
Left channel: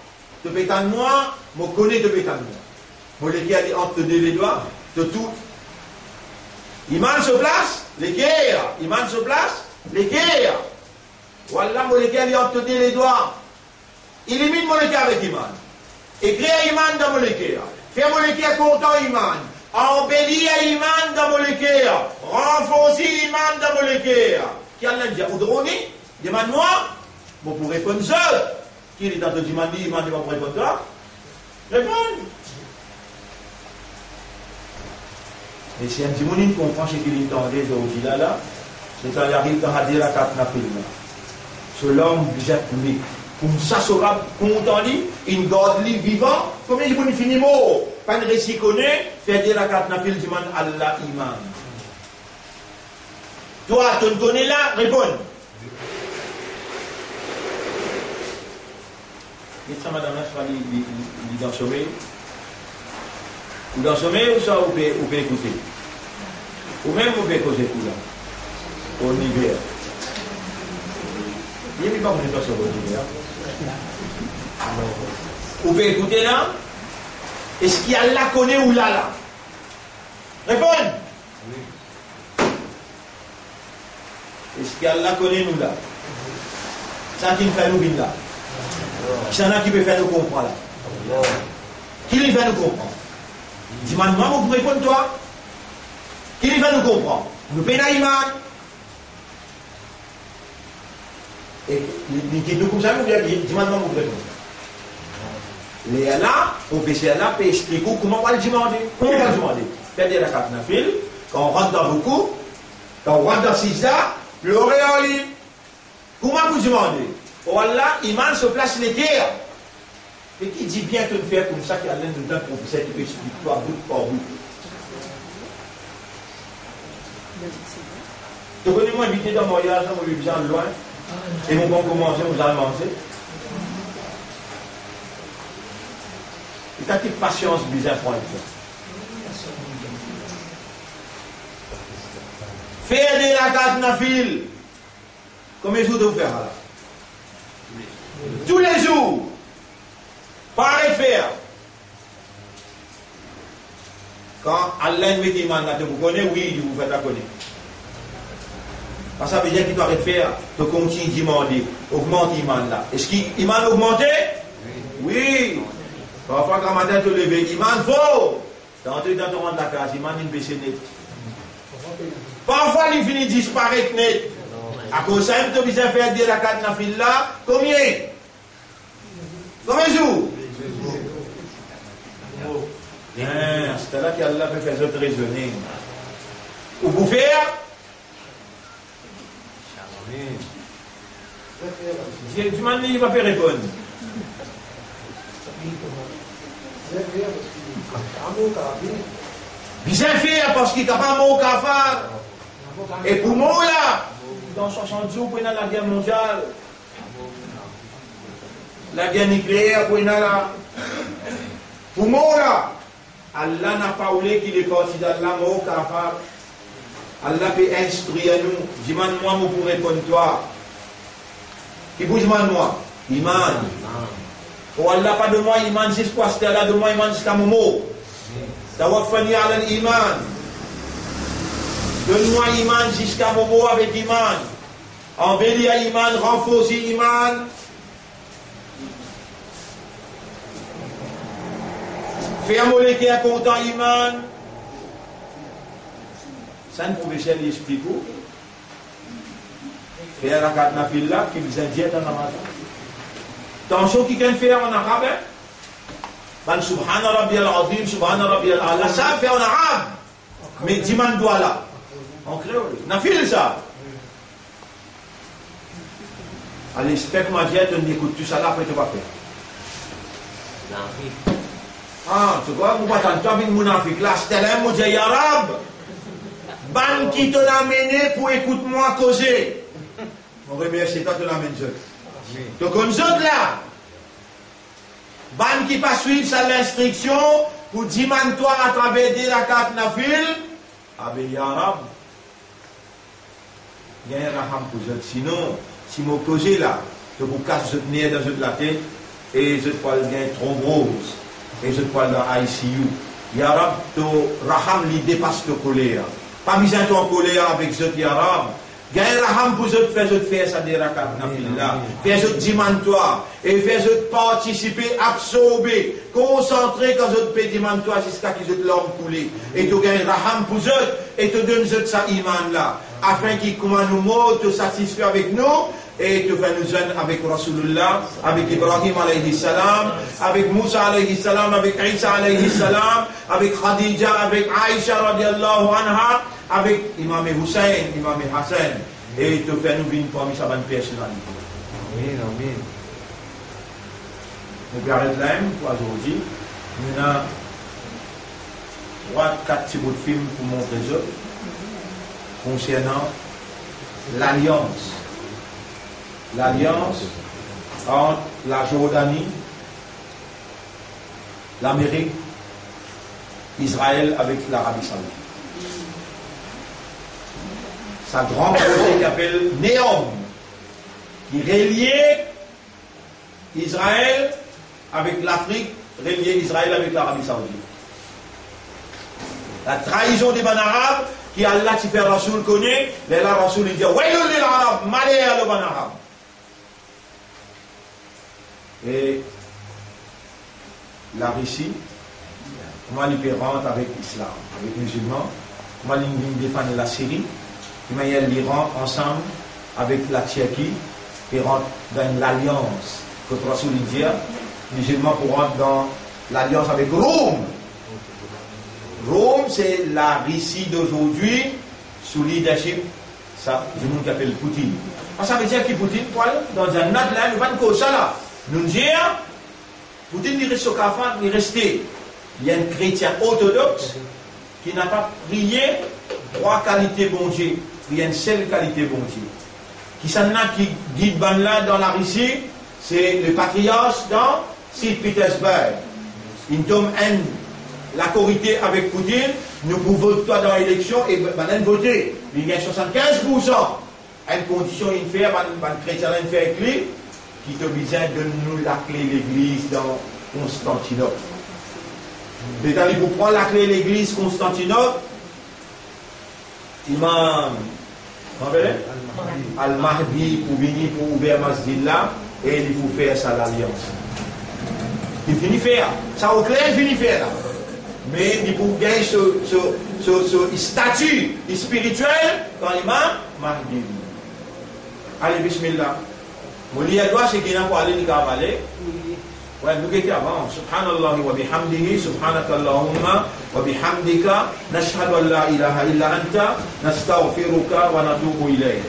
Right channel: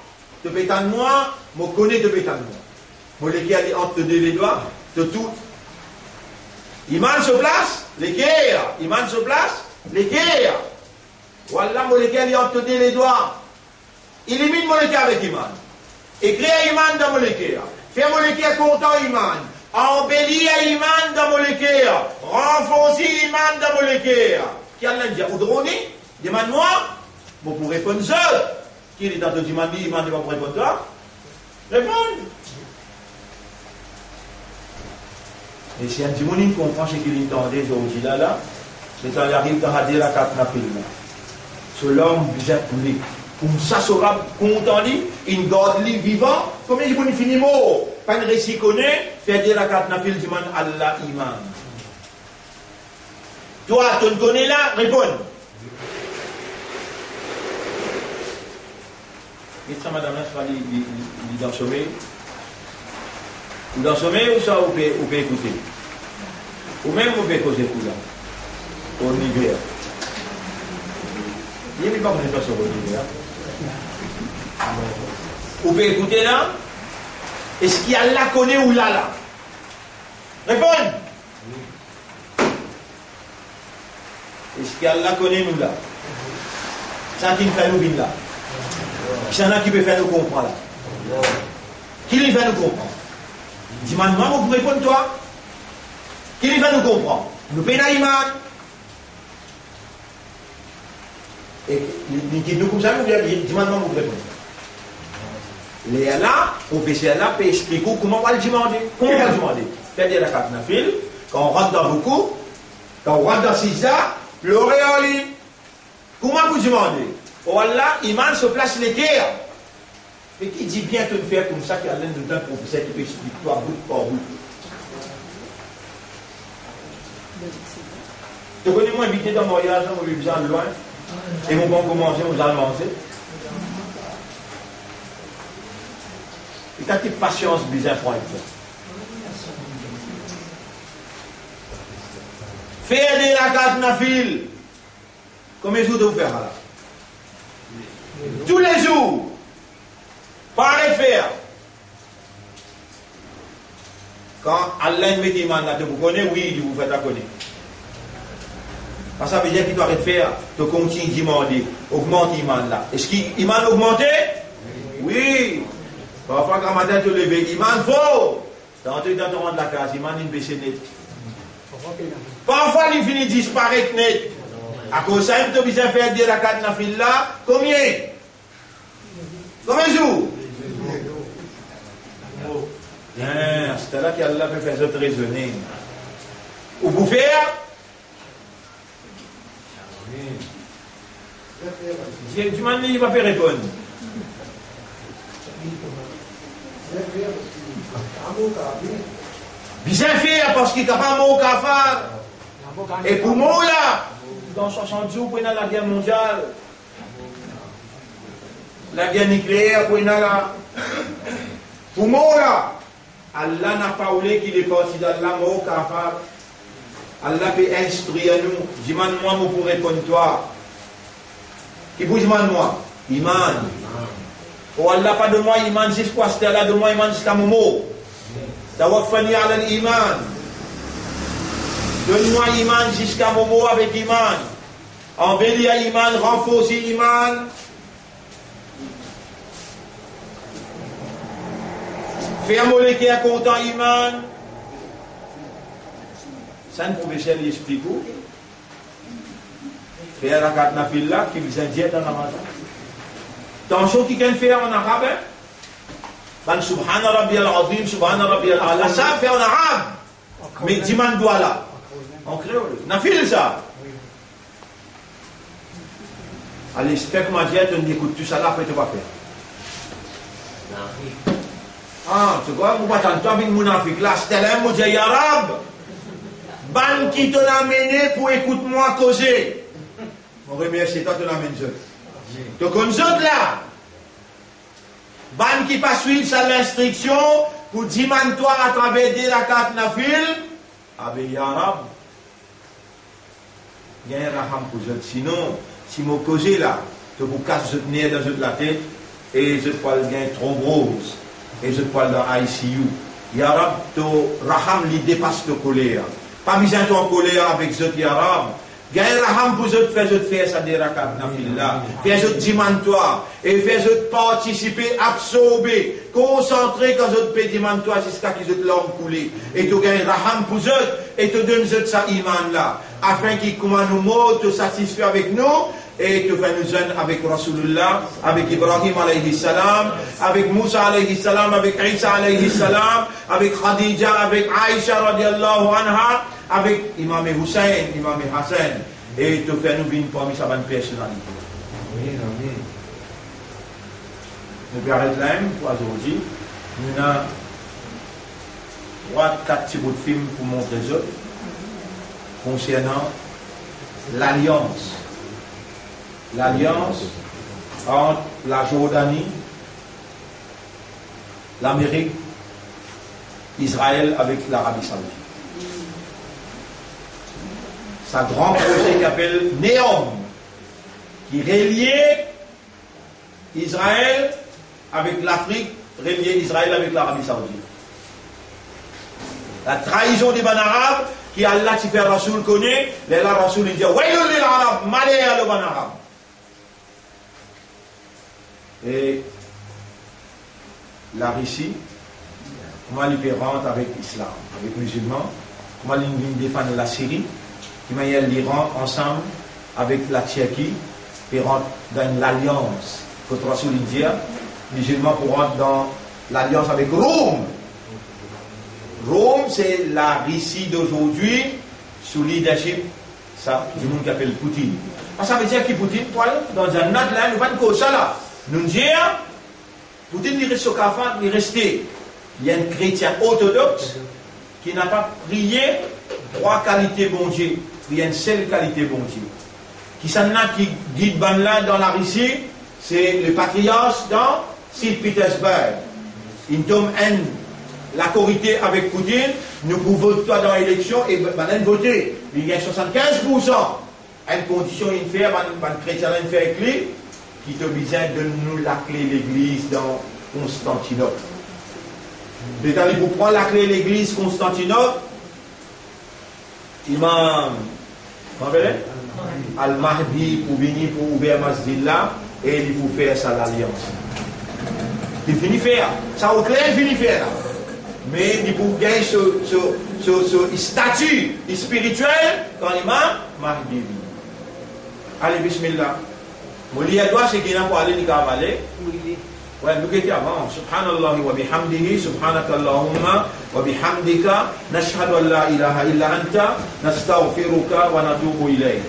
te pétane moi, je connais de pétane moi. Je l'équipe aller entre les doigts, de tout. Iman se place, l'équerre. Iman se place, l'équerre. Voilà, je l'équipe aller entre les doigts. Élimine mon équerre avec Iman. Et crée Iman dans mon équerre. Fais mon équerre content Iman. Embellis Iman dans mon équerre. Renforcer Iman dans mon équerre. Qui a dit, ou drone, demande-moi, je pour répondre seul. Qui est dans le dimanche, Iman ne va pas répondre toi. Réponds. Et si un dimanche comprend ce qu'il entendait aujourd'hui là, c'est quand il arrive dans la quatre nafil là. Ce l'homme déjà coulé. Comme ça sera content, une garde vivant, comme il dit, finit mort. Pas de récit connaît, faire dire la quatre nafil du man Allah Iman. Toi, tu ne connais là, réponds. Et ça, madame, là, je il est dans le sommeil. Ou dans le sommeil, ou ça, vous pouvez écouter. Ou même, vous pouvez causer tout là. Au hiver. Il n'y a pas de pas sur l'hiver. Vous pouvez écouter là. Est-ce qu'il y a là connaît ou là? Réponds. Est-ce qu'il y a là connaît ou là? Ça qui nous fait nous venir là. Il y en a qui peut faire nous comprendre là. Qui lui fait nous comprendre? Dis-moi, vous pouvez répondre toi. Qui lui fait nous comprendre? Nous payons Iman. Et nous comme ça, nous dis-moi, vous pouvez répondre. Les là, professeur là, peut expliquer comment on va le demander. Comment on va le demander? C'est-à-dire la carte nafil, quand on rentre dans beaucoup, quand on rentre dans Sisa, l'oreille en ligne. Comment vous demandez? Oh Allah, Iman se place les guerres. Et qui dit bien te faire comme ça, qui a l'un d'un professeur qui peut expliquer toi bout par bout. Tu connais moi invité dans mon voyage, moi je besoin de loin. Et mon bon commencer, vous allez manger. Et t'as toute patience, bizarre pour être. Faire des rakat nafil. Combien de jours de vous faire là? Tous les jours. Pas les faire. Quand Allah met Iman là, vous connaissez, oui, vous faites à connaître. Parce que ça veut dire qu'il doit faire, tu continues de demander, augmente Iman là. Est-ce qu'Iman a augmenté? Oui. Parfois, quand matin tu te lèves, Iman faut. Tu entres dans ton rang de la case, Iman il baisse net. Parfois, il finit de disparaître net. À cause de ça, tu as besoin de faire des rakat nafil là. Combien? Combien de jours? C'est là qu'Allah peut faire autre raisonner. Ou vous faire? Du moment il ne va pas répondre. Bien faire parce qu'il n'a pas un mot qu'à faire. Et pour moi là, dans 60 jours, pour la guerre mondiale, la guerre nucléaire, pour là. Pour moi là, Allah n'a pas voulu qu'il est parti d'Allah, mot qu'à faire. Allah peut instruire nous. Dis-moi, moi pour répondre toi. Qui bouge moi? Iman. Oh Allah, pas de moi, Iman jusqu'à ce là, de moi, Iman jusqu'à Momo. Tawaffani ala l'iman. Donne-moi Iman jusqu'à Momo avec Iman. Embellis à Iman, renforce Iman. Fais un mollet qui est content Iman. Ça, un professeur lui explique où. Faire la carte nafil là, qui vous indique dans la matin. Attention, qui vient faire en arabe. Ben, Subhana Rabbi al-Azim, Subhana Rabbi al-Ala. Ça, fait en arabe. Mais dis-moi doigt là. En créole. Nafil ça. Allez, j'espère que ma vie, tu écoutes tout ça là, après tu vas faire. Ah, tu vois, vous m'attendez, toi, avec mon Afrique là, c'était là, moi, j'ai arabe. Ban qui te l'a mené pour écoute-moi causer. Mon remercie, toi, tu l'amènes je. Donc, on zone là. Ban qui pas suivre sa l'instruction pour dire-toi à travers des rakat nafil. Avec arabe. Il y a un raham pour eux. Sinon, si je cause là, je vous casse le nez dans la tête et je peux gagner thrombose et je peux dans ICU. Yarab, to raham li dépasse le colère. Pas besoin de colère avec ce yarab. Gagne raham pour faire ça des rakat nafillah. Faire ce dimanche et faire ce participer, absorber, concentrer quand je peux dimanche jusqu'à ce que je l'homme couler. Et tu gagnes raham pour eux et tu donnes ça iman là. Afin qu'il commande nos mots, te satisfait avec nous et te fait nous jeunes avec Rasulullah, avec Ibrahim alayhi salam, avec Moussa alayhi salam, avec Isa alayhi salam, avec Khadija, avec Aïcha radiallahu anha, avec Imam Hussein, Imam Hassan, et te fait nous venir parmi sa bonne personnalité. Amen, amen. Nous vais arrêter là pour aujourd'hui. Nous avons 3-4 petits bouts de film pour montrer ça. Concernant l'alliance entre la Jordanie, l'Amérique, Israël avec l'Arabie Saoudite. C'est un grand projet qui s'appelle Néom, qui reliait Israël avec l'Afrique, reliait Israël avec l'Arabie Saoudite. La trahison des Arabes, qui Allah qui fait Rasoul connaît, là Rasoul il dit Waylul lil Arab, malheur à le ban arabe. Et la Russie, comment il peut rentrer avec l'islam, avec les musulmans, comment il défendre la Syrie, comment il y a l'Iran ensemble avec la Tchéquie, et rentre dans l'alliance. Quand Rasoul il dit, les musulmans pour rentrer dans l'alliance avec Rome. Rome, c'est la Russie d'aujourd'hui sous leadership du monde qui appelle Poutine. Ça veut dire que Poutine, dans un autre là, nous ne ça là. Nous disons, Poutine, il reste au Kafan, il est resté. Il y a un chrétien orthodoxe qui n'a pas prié 3 qualités bon Dieu. Il y a une seule qualité bon Dieu. Qui s'en a qui guide là dans la Russie, c'est le patriarche dans Saint-Pétersbourg. Il tombe la corité avec Poutine, nous pouvons voter dans l'élection et maintenant voter. Il y a 75%. Une condition, il fait, un chrétien, il fait avec lui, qui te besoin de nous la clé de l'église dans Constantinople. D'ailleurs, pour prendre la clé de l'église Constantinople, Imam Al-Mahdi pour venir pour ouvrir Masjid là, et il faut faire ça l'alliance. Il finit faire. Ça au clair, il finit faire là. Mais il faut gagner ce statut spirituel quand l'imam Mahdi. Allez, bismillah. Mon lit à toi, c'est qu'il n'a pas allé ni qu'à aller. Ouais, nous étions avant. Subhanallah wa bihamdihi, subhanaka Allahumma wa bihamdika, nashhadu an la ilaha illa anta, nastaghfiruka wa natubu ilayk.